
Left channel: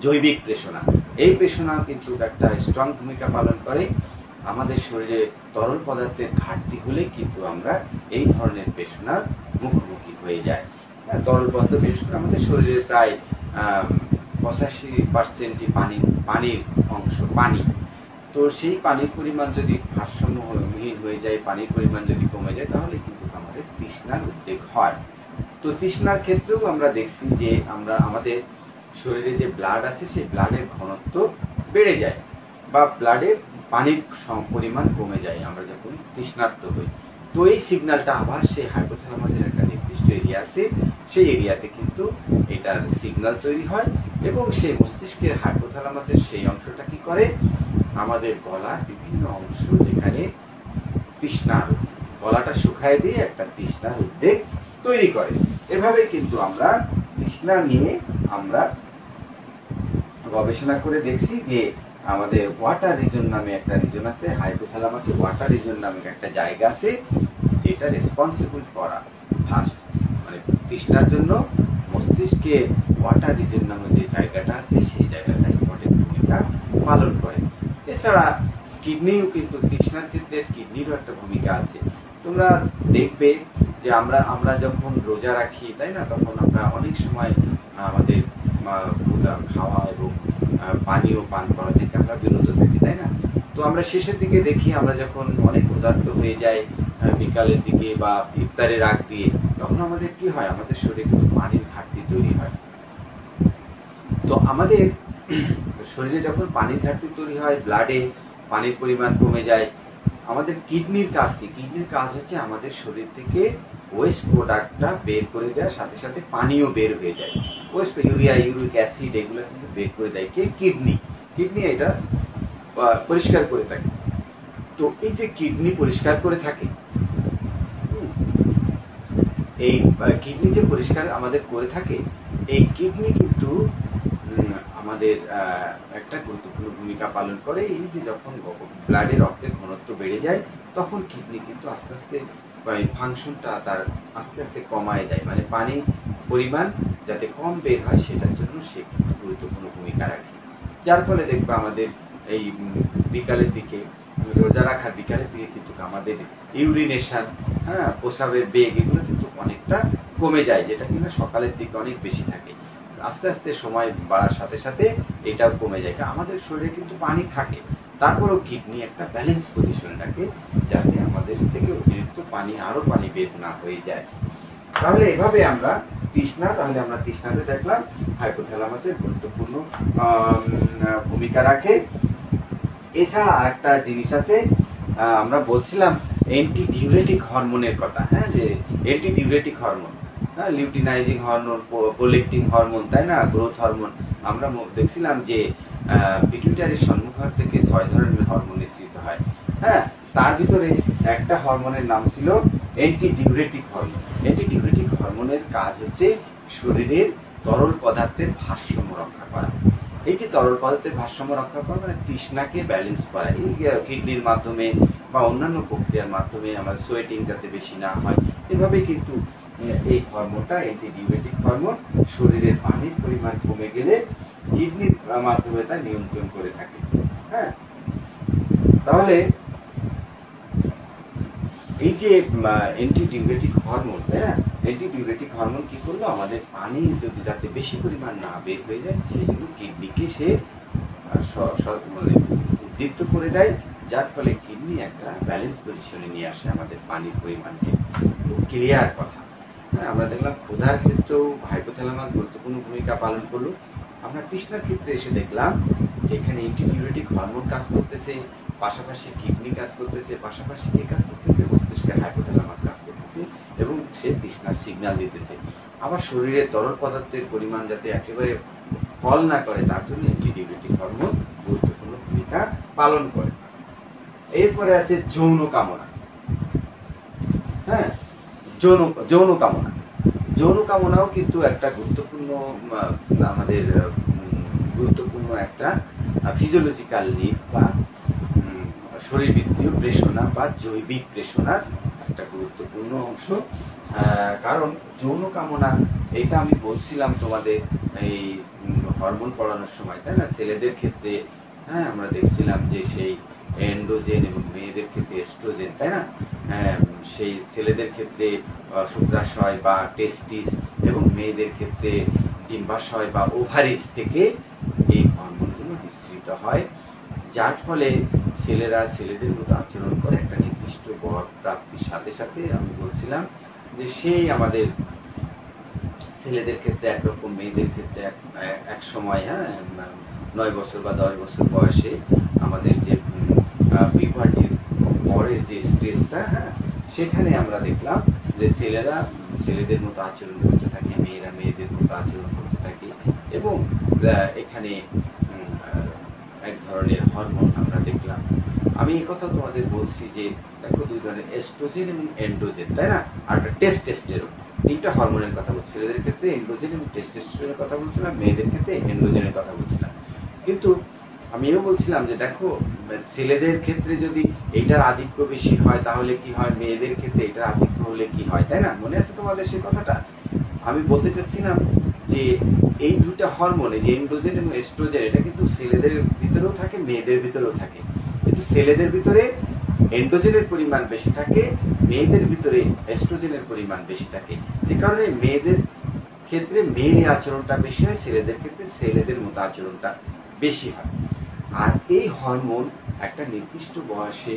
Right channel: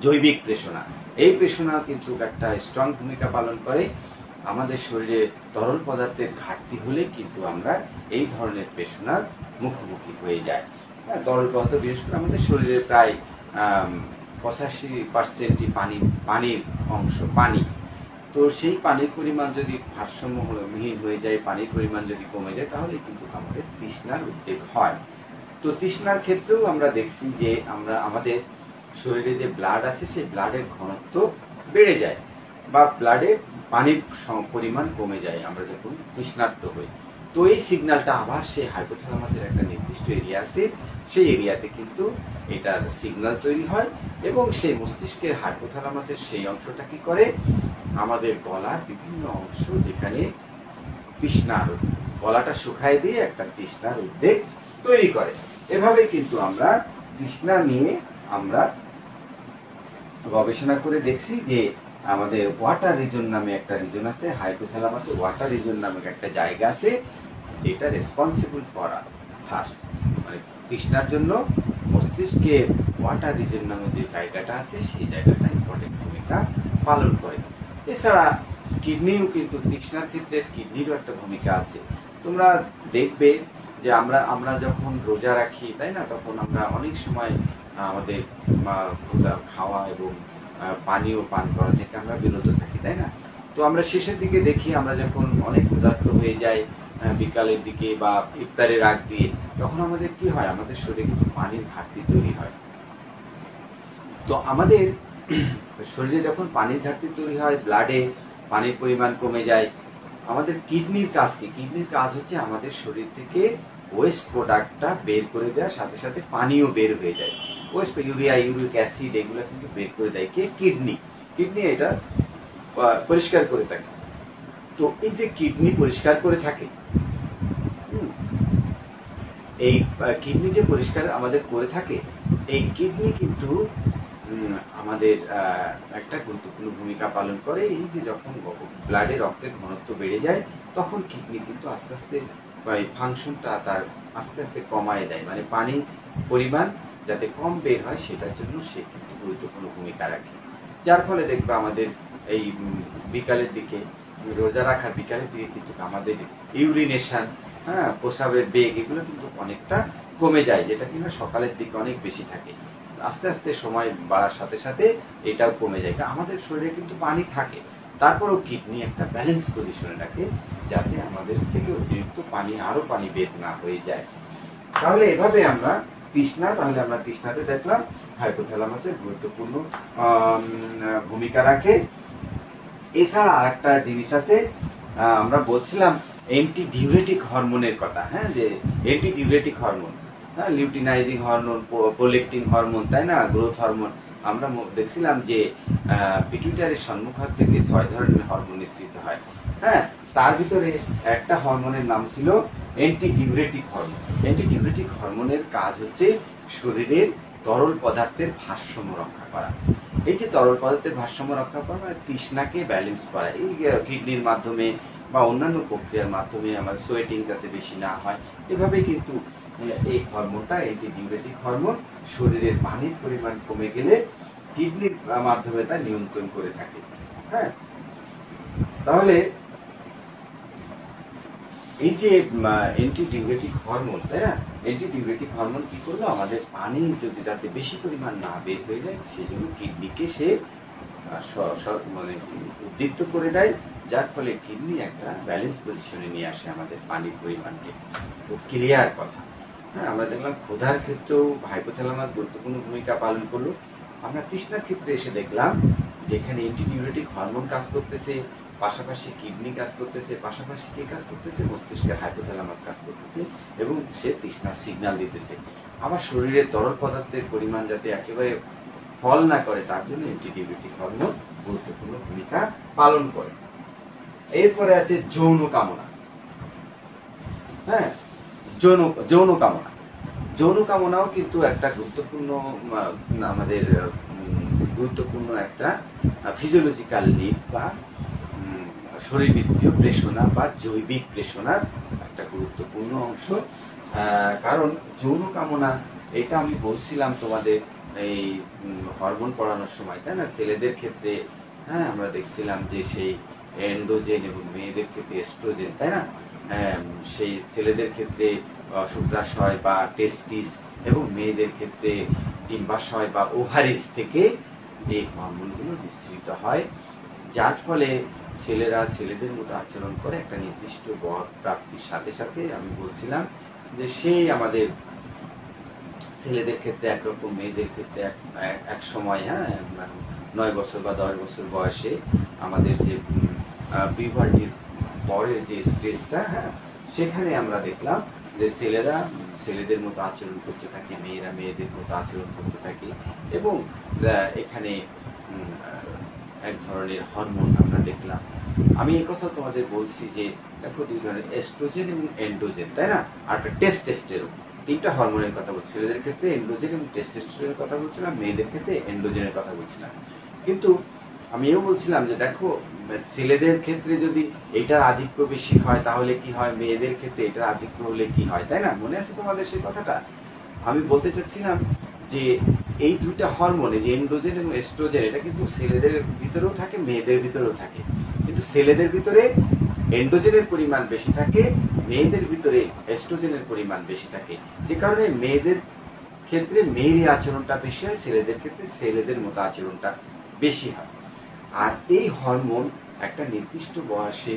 জৈবিক প্রেষণা। এই প্রেষণা কিন্তু একটা স্ট্রং ভূমিকা পালন করে। আমাদের শরীরে তরল পদার্থের ঘাটতি হলে কিন্তু আমরা এই ধরনের প্রেষণার মুখোমুখি হয়ে যাই। তরল পদার্থ, বিশেষ করে আমাদের শরীরে প্রায় 85% পানির অংশ, পানি। তো সেই পানির পরিমাণ যদি ভারসাম্যহীন হয়ে যায়, পানির পরিমাণ যদি কমে যায়, তাহলে কিন্তু আমাদের তৃষ্ণার উদ্বেগ হয়। তো তৃষ্ণার ক্ষেত্রেও আমরা দেখছি যে আমাদের শরীরে যে ব্লাড আছে, সেই ব্লাডের ঘনত্ব বেড়ে যায়, বা ব্লাডে পানির পরিমাণ কমে যায় আমরা যখন তৃষ্ণার্ত হই। তো এই সিগন্যালটা আবার সেই হাইপোথ্যালামাসের একটা নির্দিষ্ট এরিয়া আছে, সেই এরিয়াতে কিন্তু এটার সিগন্যাল তৈরি হয়, এবং সেই মস্তিষ্কের হাইপোথ্যালামাসের সেই অংশটা কি করে, আমাদের গলার বিভিন্ন অংশ যেখানে তৃষ্ণার, গলাটা শুকায় দিয়ে একটা তৃষ্ণার উদ্বেগ তৈরি করে। এভাবে কিন্তু আমরা তৃষ্ণা নিয়ে আমরা গবেষণা করে দেখছি যে আমাদের ওয়াটার রিজন নামে একটা রিজন আছে, হাইপোথ্যালামাসে ওয়াটার রিজন নামে একটা জায়গা আছে, যেটা রেসপন্সিবল ফর থার্স্ট, মানে তৃষ্ণার জন্য মস্তিষ্কে ওয়াটার রিজন নামে যে জায়গাটা আছে, সেই জায়গাটা ইম্পর্টেন্ট ভূমিকা পালন করে। এছাড়া কিডনিও কিন্তু তৃষ্ণার ক্ষেত্রে কিডনিরও একটা ভূমিকা আছে। তোমরা দেখবে যে আমরা যখন রোজা রাখি, তাই না, তখন আমরা অনেক সময় আমাদের খাওয়া এবং পানীয় পান করা থেকে আমরা বিরত থাকি, তাই না। তো আমরা শেষের দিকে দেখি, আমরা যখন অনেক ক্ষুধার্ত হয়ে যাই বিকালের দিকে বা ইফতারের আগ দিয়ে, তখন আমাদের কি হয়, আমাদের শরীরে কিন্তু পানির ঘাটতি তৈরি হয়। তো আমাদের শরীরে যখন পানির ঘাটতি তৈরি হয়, ব্লাডে পানির পরিমাণ কমে যায়, আমাদের কিডনির কাজ কি? কিডনির কাজ হচ্ছে আমাদের শরীর থেকে ওয়েস্ট প্রোডাক্টটা বের করে দেওয়ার সাথে সাথে পানিও বের হয়ে যায়। ওয়েস্ট ইউরিয়া, ইউরিক অ্যাসিড, এগুলো কিন্তু বের করে দেয় কে? কিডনি। কিডনি এটা পরিষ্কার করে থাকে। তো এই যে কিডনি পরিষ্কার করে থাকে, এই কিডনি যে পরিষ্কার আমাদের করে থাকে, এই কিডনি কিন্তু আমাদের একটা গুরুত্বপূর্ণ ভূমিকা পালন করে। এই যে যখন ব্লাডে রক্তের ঘনত্ব বেড়ে যায়, তখন কিডনি কিন্তু আস্তে আস্তে ফাংশনটা তার আস্তে আস্তে কমায় দেয়, মানে পানি পরিমাণ যাতে কম বের হয়, সেটার জন্য সে কিন্তু গুরুত্বপূর্ণ ভূমিকা রাখে। যার ফলে দেখবে আমাদের এই বিকালের দিকে, রোজা রাখার বিকালের দিকে কিন্তু আমাদের ইউরিনেশন, প্রস্রাবের বেগ, এগুলো কিন্তু অনেকটা কমে যায়, যেটা কিনা সকালের দিকে অনেক বেশি থাকে। আস্তে আস্তে সময় বাড়ার সাথে সাথে এটাও কমে যায়। আমাদের শরীরে কিন্তু পানি থাকে, তারপরেও কিডনি একটা ব্যালেন্স পজিশনে রাখে, যাতে আমাদের থেকে অতিরিক্ত আরো পানি বের না হয়ে যায়। তাহলে এভাবে আমরা তৃষ্ণাতে দেখলাম হাইপোথ্যালামাসের গুরুত্বপূর্ণ ভূমিকা রাখে। এছাড়া আরেকটা জিনিস আছে, আমরা বলছিলাম অ্যান্টি ডিউরেটিক হরমোনের কথা, যে anti diuretic hormone, luteinizing hormone, prolactin hormone, তাই না, গ্রোথ হরমোন। আমরা দেখছিলাম যে পিটুইটারির সম্মুখভাগ থেকে 6 ধরনের হরমোন নিঃসৃত হয়। তার ভিতরে একটা হরমোনের নাম ছিল anti diuretic hormone. Anti diuretic হরমোনের কাজ হচ্ছে শরীরের তরল পদার্থের ভারসাম্য রক্ষা করা। এই যে তরল পদার্থের ভারসাম্য রক্ষা করা, মানে তৃষ্ণাকে ব্যালেন্স করা, এই কিডনির মাধ্যমে বা অন্যান্য প্রক্রিয়ার মাধ্যমে আমার সোয়েটিং যাতে বেশি না হয়, এভাবেই কিন্তু এই হরমোনটা অ্যান্টিডিউরেটিক হরমোন শরীরের পানির পরিমাণ কমে গেলে কিডনির মাধ্যমে তা নিয়ন্ত্রণ করে থাকে। হ্যাঁ, তাহলে এই যে অ্যান্টিডিউরেটিক হরমোন, তাই না, অ্যান্টিডিউরেটিক হরমোন কি করলো, আমাদের পানি যদি যাতে বেশি পরিমাণ না বের হয়ে যায় সেই জন্য কিডনিকে সে মানে উদ্দীপ্ত করে দেয়, যার ফলে কিডনি একটা ব্যালেন্স পজিশনে নিয়ে আসে আমাদের পানির পরিমাণকে। খুব ক্লিয়ার কথা। হ্যাঁ, আমরা দেখলাম ক্ষুধার ক্ষেত্রেও হাইপোথ্যালামাস গুরুত্বপূর্ণ ভূমিকা পালন করলো। আমরা তৃষ্ণার ক্ষেত্রে এসে দেখলাম যেখানে অ্যান্টিডিউরেটিক হরমোন কাজ করতেছে, পাশাপাশি কিডনি কাজ করতেছে, পাশাপাশি কে কাজ করতেছে, মস্তিষ্কের হাইপোথ্যালামাস কাজ করতেছে এবং সে তৃষ্ণার সিগন্যাল দিতেছে। আবার শরীরে তরল পদার্থের পরিমাণ যাতে একেবারে ফল না করে তার জন্য অ্যান্টিডিউরেটিক হরমোন গুরুত্বপূর্ণ ভূমিকা পালন করে। এরপরে আছে যৌন কামনা। হ্যাঁ, যৌন কামনা, যৌন কামনাও কিন্তু একটা গুরুত্বপূর্ণ আমাদের গুরুত্বপূর্ণ একটা ফিজিওলজিক্যাল নিড বা শরীরবৃত্তীয় প্রেষণা বা জৈবিক প্রেষণার একটা গুরুত্বপূর্ণ অংশ। কারণ যৌন কামনা, এটা আমি বলছিলাম তোমাদের এই হরমোন পড়ানোর সময়, তাই না, ছেলেদের ক্ষেত্রে হ্যাঁ আমরা দেখছিলাম যে সেই এন্ড্রোজেন এবং মেয়েদের ক্ষেত্রে এস্ট্রোজেন, তাই না, সেই ছেলেদের ক্ষেত্রে শুক্রাশয় বা টেস্টিস এবং মেয়েদের ক্ষেত্রে ডিম্বাশয় বা ওভারিজ থেকে এই হরমোনগুলো নিঃসৃত হয়, যার ফলে ছেলেরা ছেলেদের মতো আচরণ করে একটা নির্দিষ্ট বর প্রাপ্তির সাথে সাথে। আমি বলছিলাম যে সেই আমাদের ছেলেদের ক্ষেত্রে একরকম, মেয়েদের ক্ষেত্রে এক সময়, হ্যাঁ 9 বছর বা 10 বছর বয়সে আমাদের যে পিউবার্টির পরের যে স্টেজটা, হ্যাঁ সেখানে আমরা দেখলাম যে ছেলেরা ছেলেদের মতো আচরণ করতে থাকে, মেয়েরা মেয়েদের মতো আচরণ করতে থাকে এবং এখানে এক ধরনের হরমোন আমরা দেখলাম। আমি এই কথা তোমাদের বলছি যে দেখো দুই ধরনের এস্ট্রোজেন এবং এন্ড্রোজেন, তাই না, আর টেস্টোস্টেরন, তিনটা হরমোনের কথা বলছি। ছেলেদের ক্ষেত্রে এন্ড্রোজেন এবং টেস্টোস্টেরনের কথা বলছিলাম, মেয়েদের ক্ষেত্রে এন্ড্রোজেনের কথা বলছিলাম। কিন্তু আমি এও বলছিলাম যে দেখো ছেলেদের ক্ষেত্রে যদি এইটার আধিক্য বেশি হয় তাহলে কি হয়, মেয়েদের ক্ষেত্রে এটার আধিক্য হলে কি হয়, তাই না, মনে আছে তোমাদের সেই কথাটা? আমি বলতে চাচ্ছিলাম যে এই দুইটা হরমোন, এই যে এন্ড্রোজেন এবং এস্ট্রোজেন, এটা কিন্তু ছেলেদের ভিতরেও থাকে, মেয়েদের ভিতরেও থাকে, কিন্তু ছেলেদের ভিতরে এন্ড্রোজেনের পরিমাণ বেশি থাকে, মেয়েদের ভিতরে এস্ট্রোজেনের পরিমাণ বেশি থাকে, যে কারণে মেয়েদের ক্ষেত্রে মেয়ের আচরণটা বেশি হয়, ছেলেদের ক্ষেত্রে ছেলেদের মতো আচরণটা বেশি হয়। আর এই হরমোন একটা নির্দিষ্ট বয়সে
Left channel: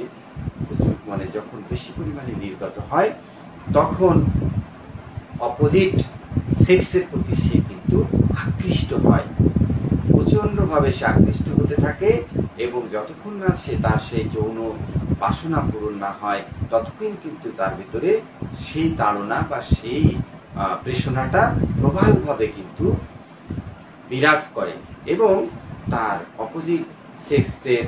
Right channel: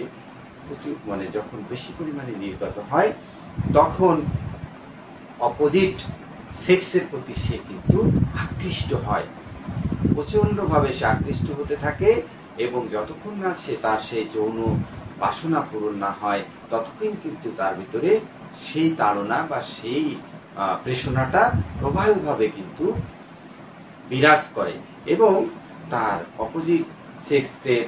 মানে যখন বেশি পরিমাণে নির্গত হয় তখন অপোজিট সেক্সের প্রতি সে কিন্তু আকৃষ্ট হয়, প্রচন্ড ভাবে সে আকৃষ্ট হতে থাকে এবং যতক্ষণ না সে তার সেই যৌন বাসনা পূরণ না হয় ততক্ষণ কিন্তু তার ভিতরে সেই তাড়না বা সেই প্রেষণাটা প্রবলভাবে কিন্তু বিরাজ করে এবং তার অপোজিট সেক্সের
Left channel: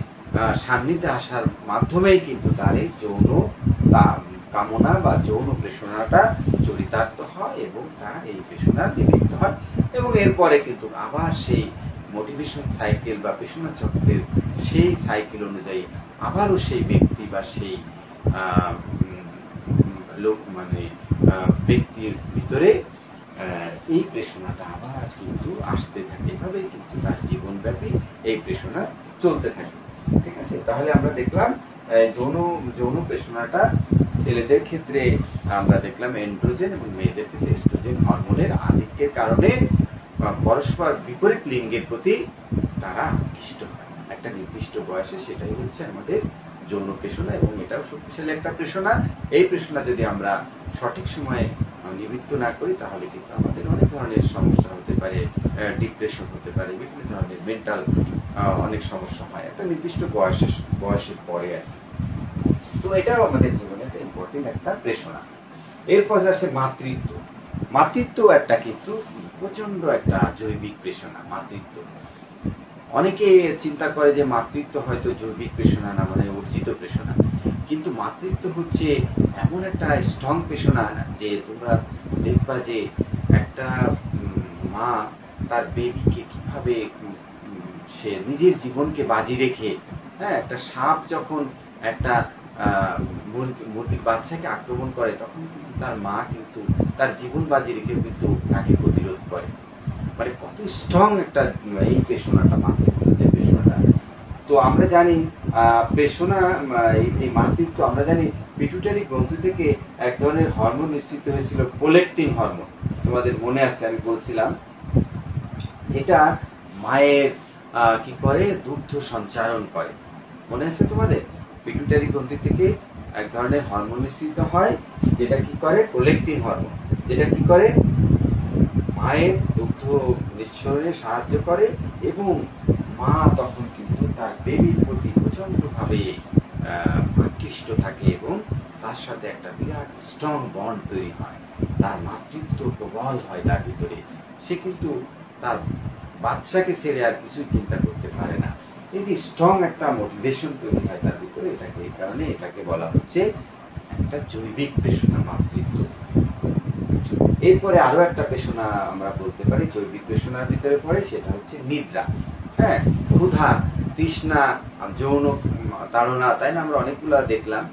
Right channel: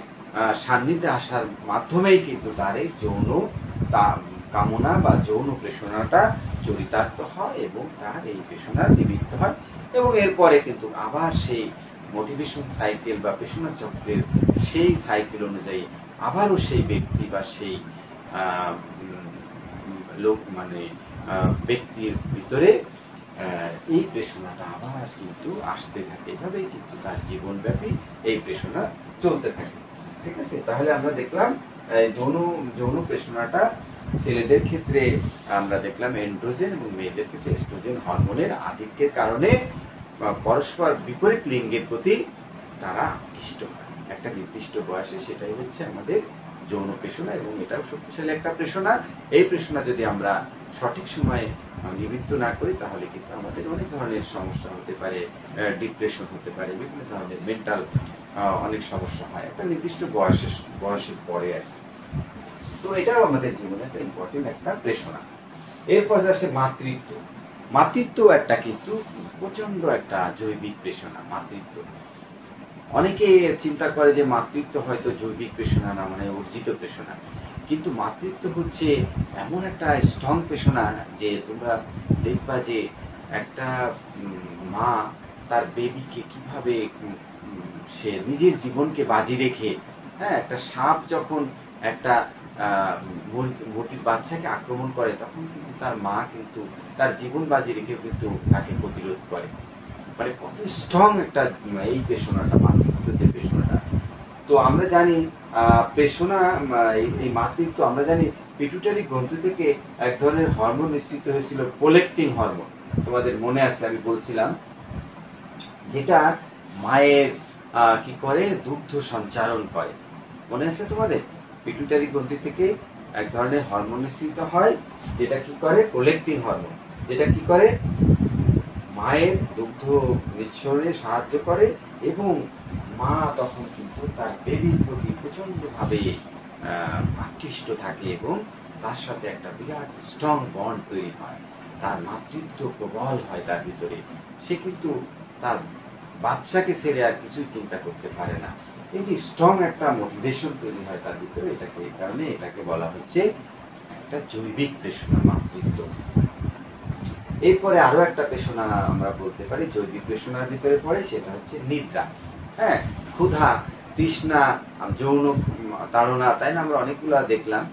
সান্নিধ্যে আসার মাধ্যমেই কিন্তু তার এই যৌন কামনা বা যৌন প্রেষণাটা চরিতার্থ হয় এবং তার এই প্রেষণার নিমিত্ত হয় এবং এরপরে কিন্তু আবার সেই মোটিভেশন সাইকেল বা প্রেষণা চক্রের সেই সাইকেল অনুযায়ী আবারও সেই ব্যক্তি বা সেই লোক মানে ব্যক্তির ভিতরে এই প্রেষণাটা আবার কিন্তু আসতে থাকে, এভাবেই কিন্তু তার জীবনব্যাপী এই প্রেষণা চলতে থাকে। ঠিক আছে, তাহলে আমরা দেখলাম যৌন প্রেষণাটা ছেলেদের ক্ষেত্রে আমরা দেখলাম এন্ড্রোজেন এবং মেয়েদের ক্ষেত্রে এস্ট্রোজেন হরমোনের আধিক্যের কারণে পরস্পর বিপরীত লিঙ্গের প্রতি তারা আকৃষ্ট হয় একটা নির্দিষ্ট বয়সে। সেটাই হচ্ছে আমাদের যৌন প্রেষণা এবং এটাও শক্তিশালী একটা প্রেষণা। এই প্রেষণা যদি আমরা সঠিক সময়ে নিবৃত্ত না করি তাহলে কিন্তু আমাদের অনেক ধরনের সমস্যা হতে পারে, ডিপ্রেশন হতে পারে, বিভিন্ন ধরনের মেন্টাল অনেক সমস্যা হয় একটা নির্দিষ্ট বয়সের পরে। তো এটাও আমাদের জীবনে একটা ইম্পর্টেন্ট একটা প্রেষণা। এরপর আসে মাতৃত্ব। মাতৃত্ব একটা কিন্তু প্রচন্ড একটা জৈবিক প্রেষণা। মাতৃত্ব অনেকে চিন্তা করে যে মাতৃত্ব হয়তো জৈবিক প্রেষণা না, মানে অর্জিত প্রেষণা, কিন্তু মাতৃত্ব হচ্ছে এমন একটা স্ট্রং প্রেষণা যে তোমরা দেখবা যে একটা মা তার বেবিকে কিভাবে সে নিজের জীবনকে বাজি রেখে, হ্যাঁ একটা সাপ যখন একটা মুরগির বাচ্চাকে আক্রমণ করে, তখন কিন্তু তার মা কিন্তু তার জীবন বাজি রেখেও কিন্তু তাকে প্রতিরোধ করে। মানে কত স্ট্রং একটা এই পেশনাটা, মাতৃত্বের পেশনাটা। তো আমরা জানি পেশনা, এই মাতৃত্ব আমরা জানি পিটুইটারি গ্রন্থি থেকে এক ধরনের হরমোন নিঃসৃত হয়েছিল, প্রোলেকটিন হরমোন। তোমাদের মনে আছে আমি বলছিলাম, যেটা মায়ের কি করে, দুগ্ধ সঞ্চারণ করে। মনে আছে তোমাদের? পিটুইটারি গ্রন্থি থেকে এক ধরনের হরমোন নিঃসৃত হয়, যেটা কি করে, প্রোলেকটিন হরমোন, যেটা কি করে, মায়ের দুগ্ধ নিঃসরণে সাহায্য করে, এবং মা তখন কিন্তু তার বেবির প্রতি প্রচন্ড ভাবে আকৃষ্ট থাকে, এবং তার সাথে একটা বিরাট স্ট্রং বন্ড তৈরি হয়, তার মাতৃত্ব প্রবল হয় তার ভিতরে। সে কিন্তু তার বাচ্চাকে ছেড়ে আর কিছুই চিন্তা করতে পারে না। এই যে স্ট্রং একটা মোটিভেশন তৈরি হয় তার ভিতরে, এটাকে এই কারণে এটাকে বলা হচ্ছে একটা জৈবিক পেশনা, মাতৃত্ব। এরপরে আরো একটা পেশনা আমরা বলতে পারি জৈবিক পেশনার ভিতরে পড়ে, সেটা হচ্ছে নিদ্রা। হ্যাঁ, ক্ষুধা, তৃষ্ণা, যৌন তাড়না, তাই না? আমরা অনেকগুলা দেখলাম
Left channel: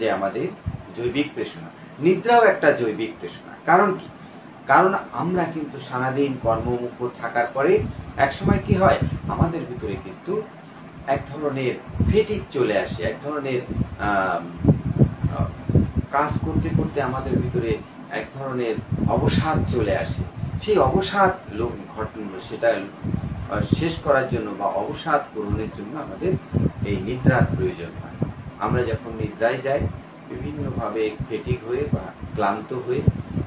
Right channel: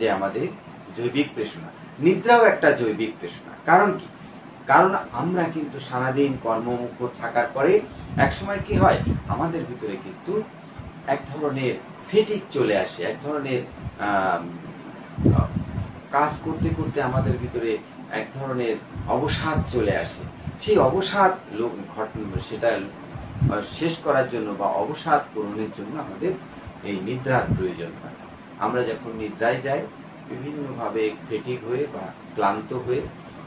যে আমাদের জৈবিক পেশনা। নিদ্রাও একটা জৈবিক পেশনা। কারণ কি? কারণ আমরা কিন্তু সারাদিন কর্মমুখর থাকার পরে একসময় কি হয়, আমাদের ভিতরে কিন্তু এক ধরনের ফেটিক চলে আসে, এক ধরনের কাজ করতে করতে আমাদের ভিতরে এক ধরনের অবসাদ চলে আসে। সেই অবসাদ সেটা শেষ করার জন্য বা অবসাদ পূরণের জন্য আমাদের এই নিদ্রার প্রয়োজন হয়। আমরা যখন নিদ্রায় যাই, বিভিন্নভাবে ফেটিক হয়ে বা ক্লান্ত হয়ে,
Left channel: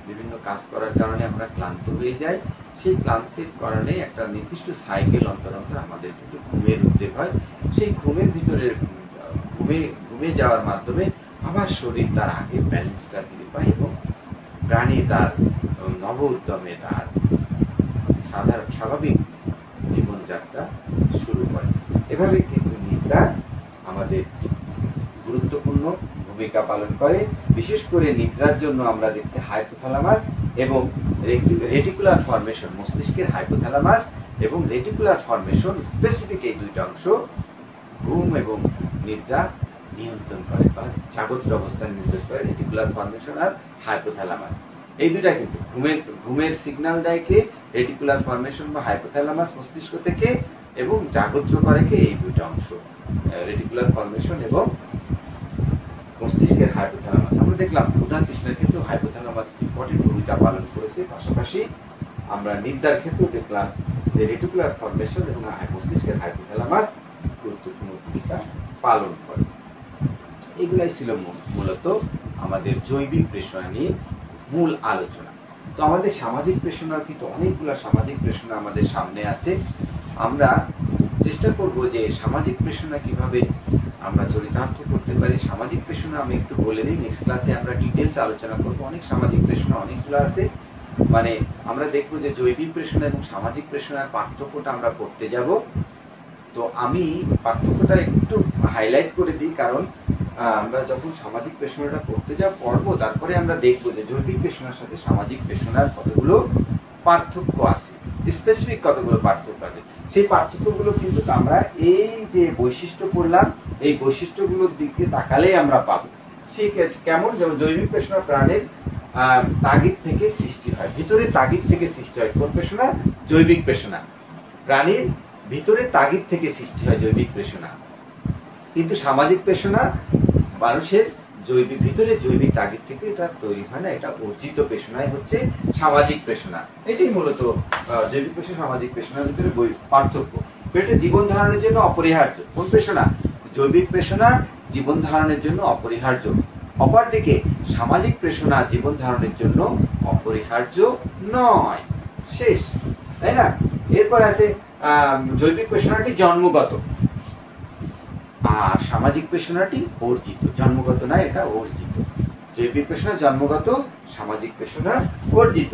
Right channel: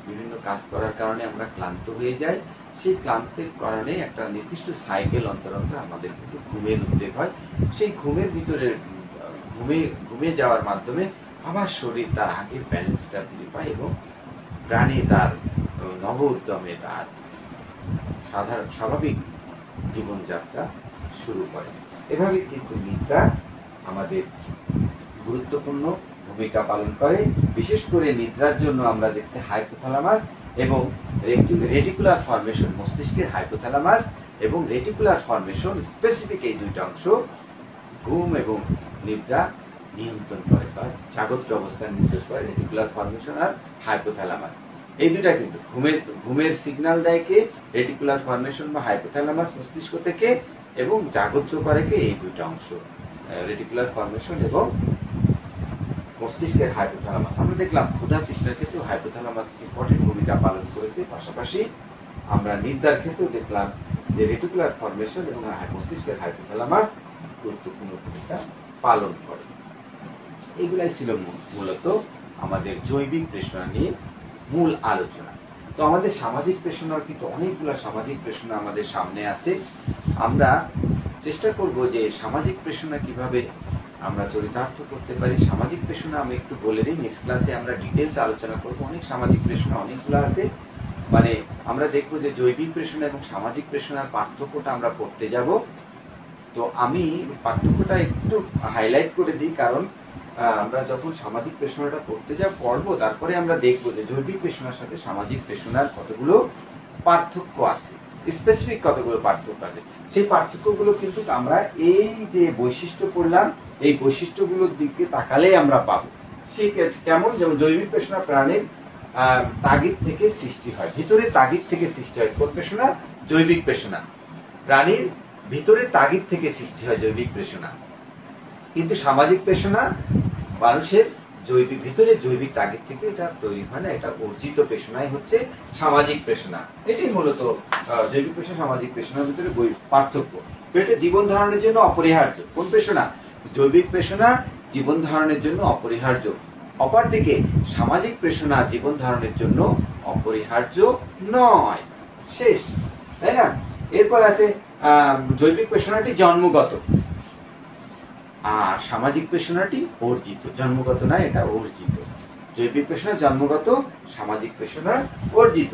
বিভিন্ন কাজ করার কারণে আমরা ক্লান্ত হয়ে যাই। সেই ক্লান্তির কারণে একটা নির্দিষ্ট সাইকেল অন্তর অন্তর আমাদের কিন্তু ঘুমের উদ্বেগ হয়। সেই ঘুমের ভিতরে ঘুমে যাওয়ার মাধ্যমে আবার শরীর তার আগের ব্যালেন্সটা ফিরে পায়, এবং প্রাণী তার নব উদ্যমে তার স্বাভাবিক জীবনযাত্রা শুরু করে। এভাবে কিন্তু নিদ্রা আমাদের গুরুত্বপূর্ণ ভূমিকা পালন করে। বিশেষ করে নিদ্রার জন্য আমরা দেখছি হাইপোথ্যালামাস এবং রেটিকুলার ফর্মেশন, মস্তিষ্কের হাইপোথ্যালামাস এবং রেটিকুলার ফর্মেশন, স্পেসিফিক এই দুইটা অংশ ঘুম এবং নিদ্রা নিয়ন্ত্রণ করে, বা জাগ্রত অবস্থান নির্দেশ করে। রেটিকুলার ফর্মেশন আর হাইপোথ্যালামাস, এই দুইটা কিন্তু ঘুমের সিগন্যাল দেয় কে? রেটিকুলার ফর্মেশন বা হাইপোথ্যালামাস মস্তিষ্ক থেকে, এবং জাগ্রত করে কে? এই দুইটা অংশ, রেটিকুলার ফর্মেশন এবং মস্তিষ্কের হাইপোথ্যালামাস। আমরা দেখলাম ক্ষুধা তৃষ্ণার ক্ষেত্রেও হাইপোথ্যালামাস ইম্পর্টেন্ট ভূমিকা পালন করেছে। পাশাপাশি আমরা নিদ্রার ক্ষেত্রেও দেখলাম যে রেটিকুলার ফর্মেশন এবং মস্তিষ্কের হাইপোথ্যালামাস গুরুত্বপূর্ণ ভূমিকা পালন করে। এগুলাই ছিল মূলত আমাদের জৈবিক পেশনা নিয়ে মূল আলোচনা। তো আমাদের সামাজিক পেশনার কিন্তু অনেকগুলো সামাজিক পেশনা আমাদের সামনে আছে। আমরা চেষ্টা করব যে সামাজিক পেশনা কিভাবে আমরা চরিতার্থ করতে পারি। সামাজিক পেশনা আমি একটু বলে দিই, নেক্সট ক্লাসে আমরা ডিটেলস আলোচনা করব। অনেক সামাজিক পেশনা অনেকগুলো আছে, মানে আমরা দেখবো যে জৈবিক পেশনা এবং সামাজিক পেশনার পার্থক্যটা আমরা পড়তে যাব। তো আমি পার্থক্যটা একটু হাইলাইট করে দিই, কারণ আমরা যখন সামাজিক পেশনাটা পড়তে পড়বো, তারপরে আমরা দেখবো যে জৈবিক পেশনার সাথে সামাজিক পেশনার কতগুলো পার্থক্য আছে, স্পেসিফিক কতগুলো পার্থক্য আছে। সেই পার্থক্যগুলো কিন্তু আমরা এই যে বৈশিষ্ট্য পড়লাম, এই বৈশিষ্ট্যগুলোর দিকে তাকালে আমরা পাবো। সে কেমন? যেমন জৈবিক পেশনা প্রাণের তাগিদ থেকে সৃষ্টি হয়, ভিতরে তাগিদ থেকে সৃষ্টি হয়। কোন পেশনা? জৈবিক পেশনা। প্রাণীর ভিতরে তাগিদ থেকে সৃষ্টি হয় জৈবিক পেশনা। কিন্তু সামাজিক পেশনা মানুষের ভিতরে জৈবিক তাগিদ থেকে এটা তৈরি হয় না, এটা অর্জিত পেশনাই হচ্ছে সামাজিক পেশনা। এটাই মূলত জৈবিক পেশনা সামাজিক পেশনার ভিতরে পার্থক্য। এটা জীবন ধারণের জন্য অপরিহার্য। কোন পেশনা? জৈবিক পেশনা জীবন ধারণের জন্য অপরিহার্য, অপরদিকে সামাজিক পেশনা জীবন ধারণের জন্য অপরিহার্য নয়। শেষ, তাই না? এরপর আছে জৈবিক পেশনাটি জন্মগত, আর সামাজিক পেশনাটি অর্জিত। জন্মগত নয়, এটা অর্জিত। জৈবিক পেশনা জন্মগত, সামাজিক পেশনা অর্জিত।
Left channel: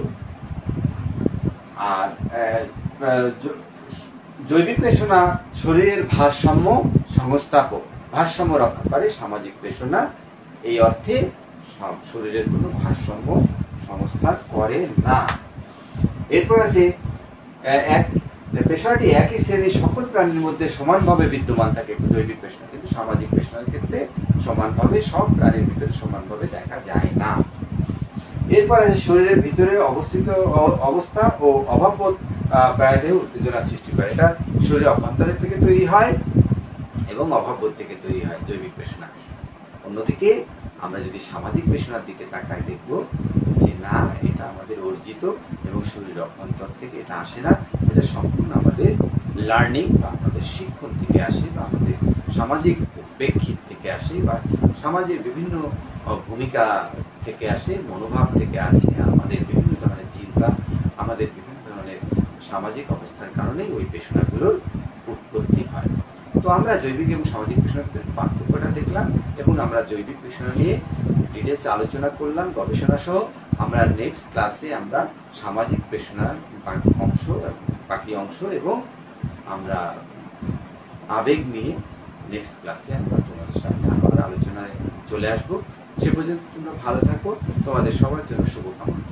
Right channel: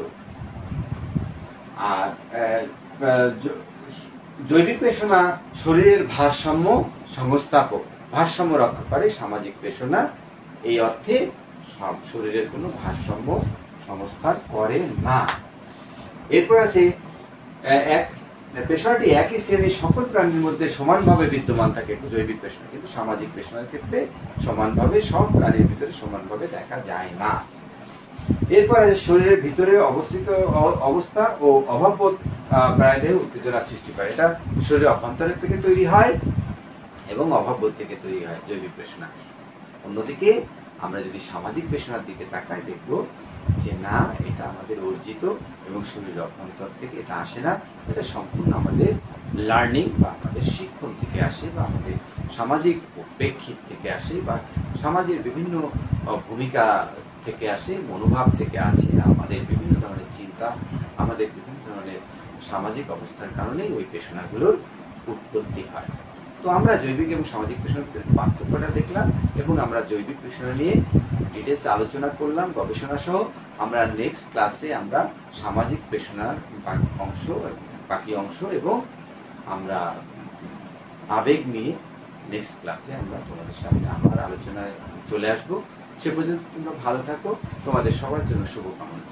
আর জৈবিক পেশনা শরীরের ভারসাম্য সংস্থাপক, ভারসাম্য রক্ষা করে। সামাজিক পেশনা এই অর্থে শরীরের কোনো ভারসাম্য সংস্থান করে না। এরপর আছে পেশনাটি একই শ্রেণীর সকল প্রাণীর মধ্যে সমানভাবে বিদ্যমান থাকে জৈবিক পেশনা, কিন্তু সামাজিক পেশনার ক্ষেত্রে সমানভাবে সব প্রাণীর ভিতরে সমানভাবে দেখা যায় না। এরপর আছে শরীরের ভিতরে অবস্থিত অবস্থা ও অভাববোধ প্রায়দেহে উত্তেজনা সৃষ্টি করে। এটা শরীরের অভ্যন্তরের থেকে তৈরি হয় এবং অভাববোধ থেকে তৈরি হয় জৈবিক পেশনা। অন্যদিকে আমরা যদি সামাজিক পেশনার দিকে তাকাই, দেখব যে না, এটা আমাদের অর্জিত এবং শরীরের অভ্যন্তর থেকে এটা আসে না, এটা সম্পূর্ণ আমাদের লার্নিং বা আমাদের শিক্ষণ থেকে আসে, বা আমাদের সামাজিক প্রেক্ষিত থেকে আসে, বা সমাজের বিভিন্ন ভূমিকা থেকে আসে, মনোভাব থেকে আসে, আমাদের বিভিন্ন ধরনের চিন্তা, আমাদের বিভিন্ন ধরনের সামাজিক অবস্থার কারণেই ওই পেশনাগুলোর উৎপত্তি হয়। তো আমরা জৈবিক এবং সামাজিক পেশনার ভিতরে পার্থক্যটা দেখলাম এবং আমরা জৈবিক পেশনা নিয়ে ডিটেলস আলোচনা করলাম গবেষণা সহ। আমরা নেক্সট ক্লাসে আমরা সামাজিক পেশনার বাকি অংশ এবং আমরা আবেগ নিয়ে নেক্সট ক্লাসে আমরা তোমাদের সামনে আবার আলোচনায় চলে আসব। সে পর্যন্ত তোমরা ভালো থাকো, তোমাদের সবার জন্য শুভকামনা।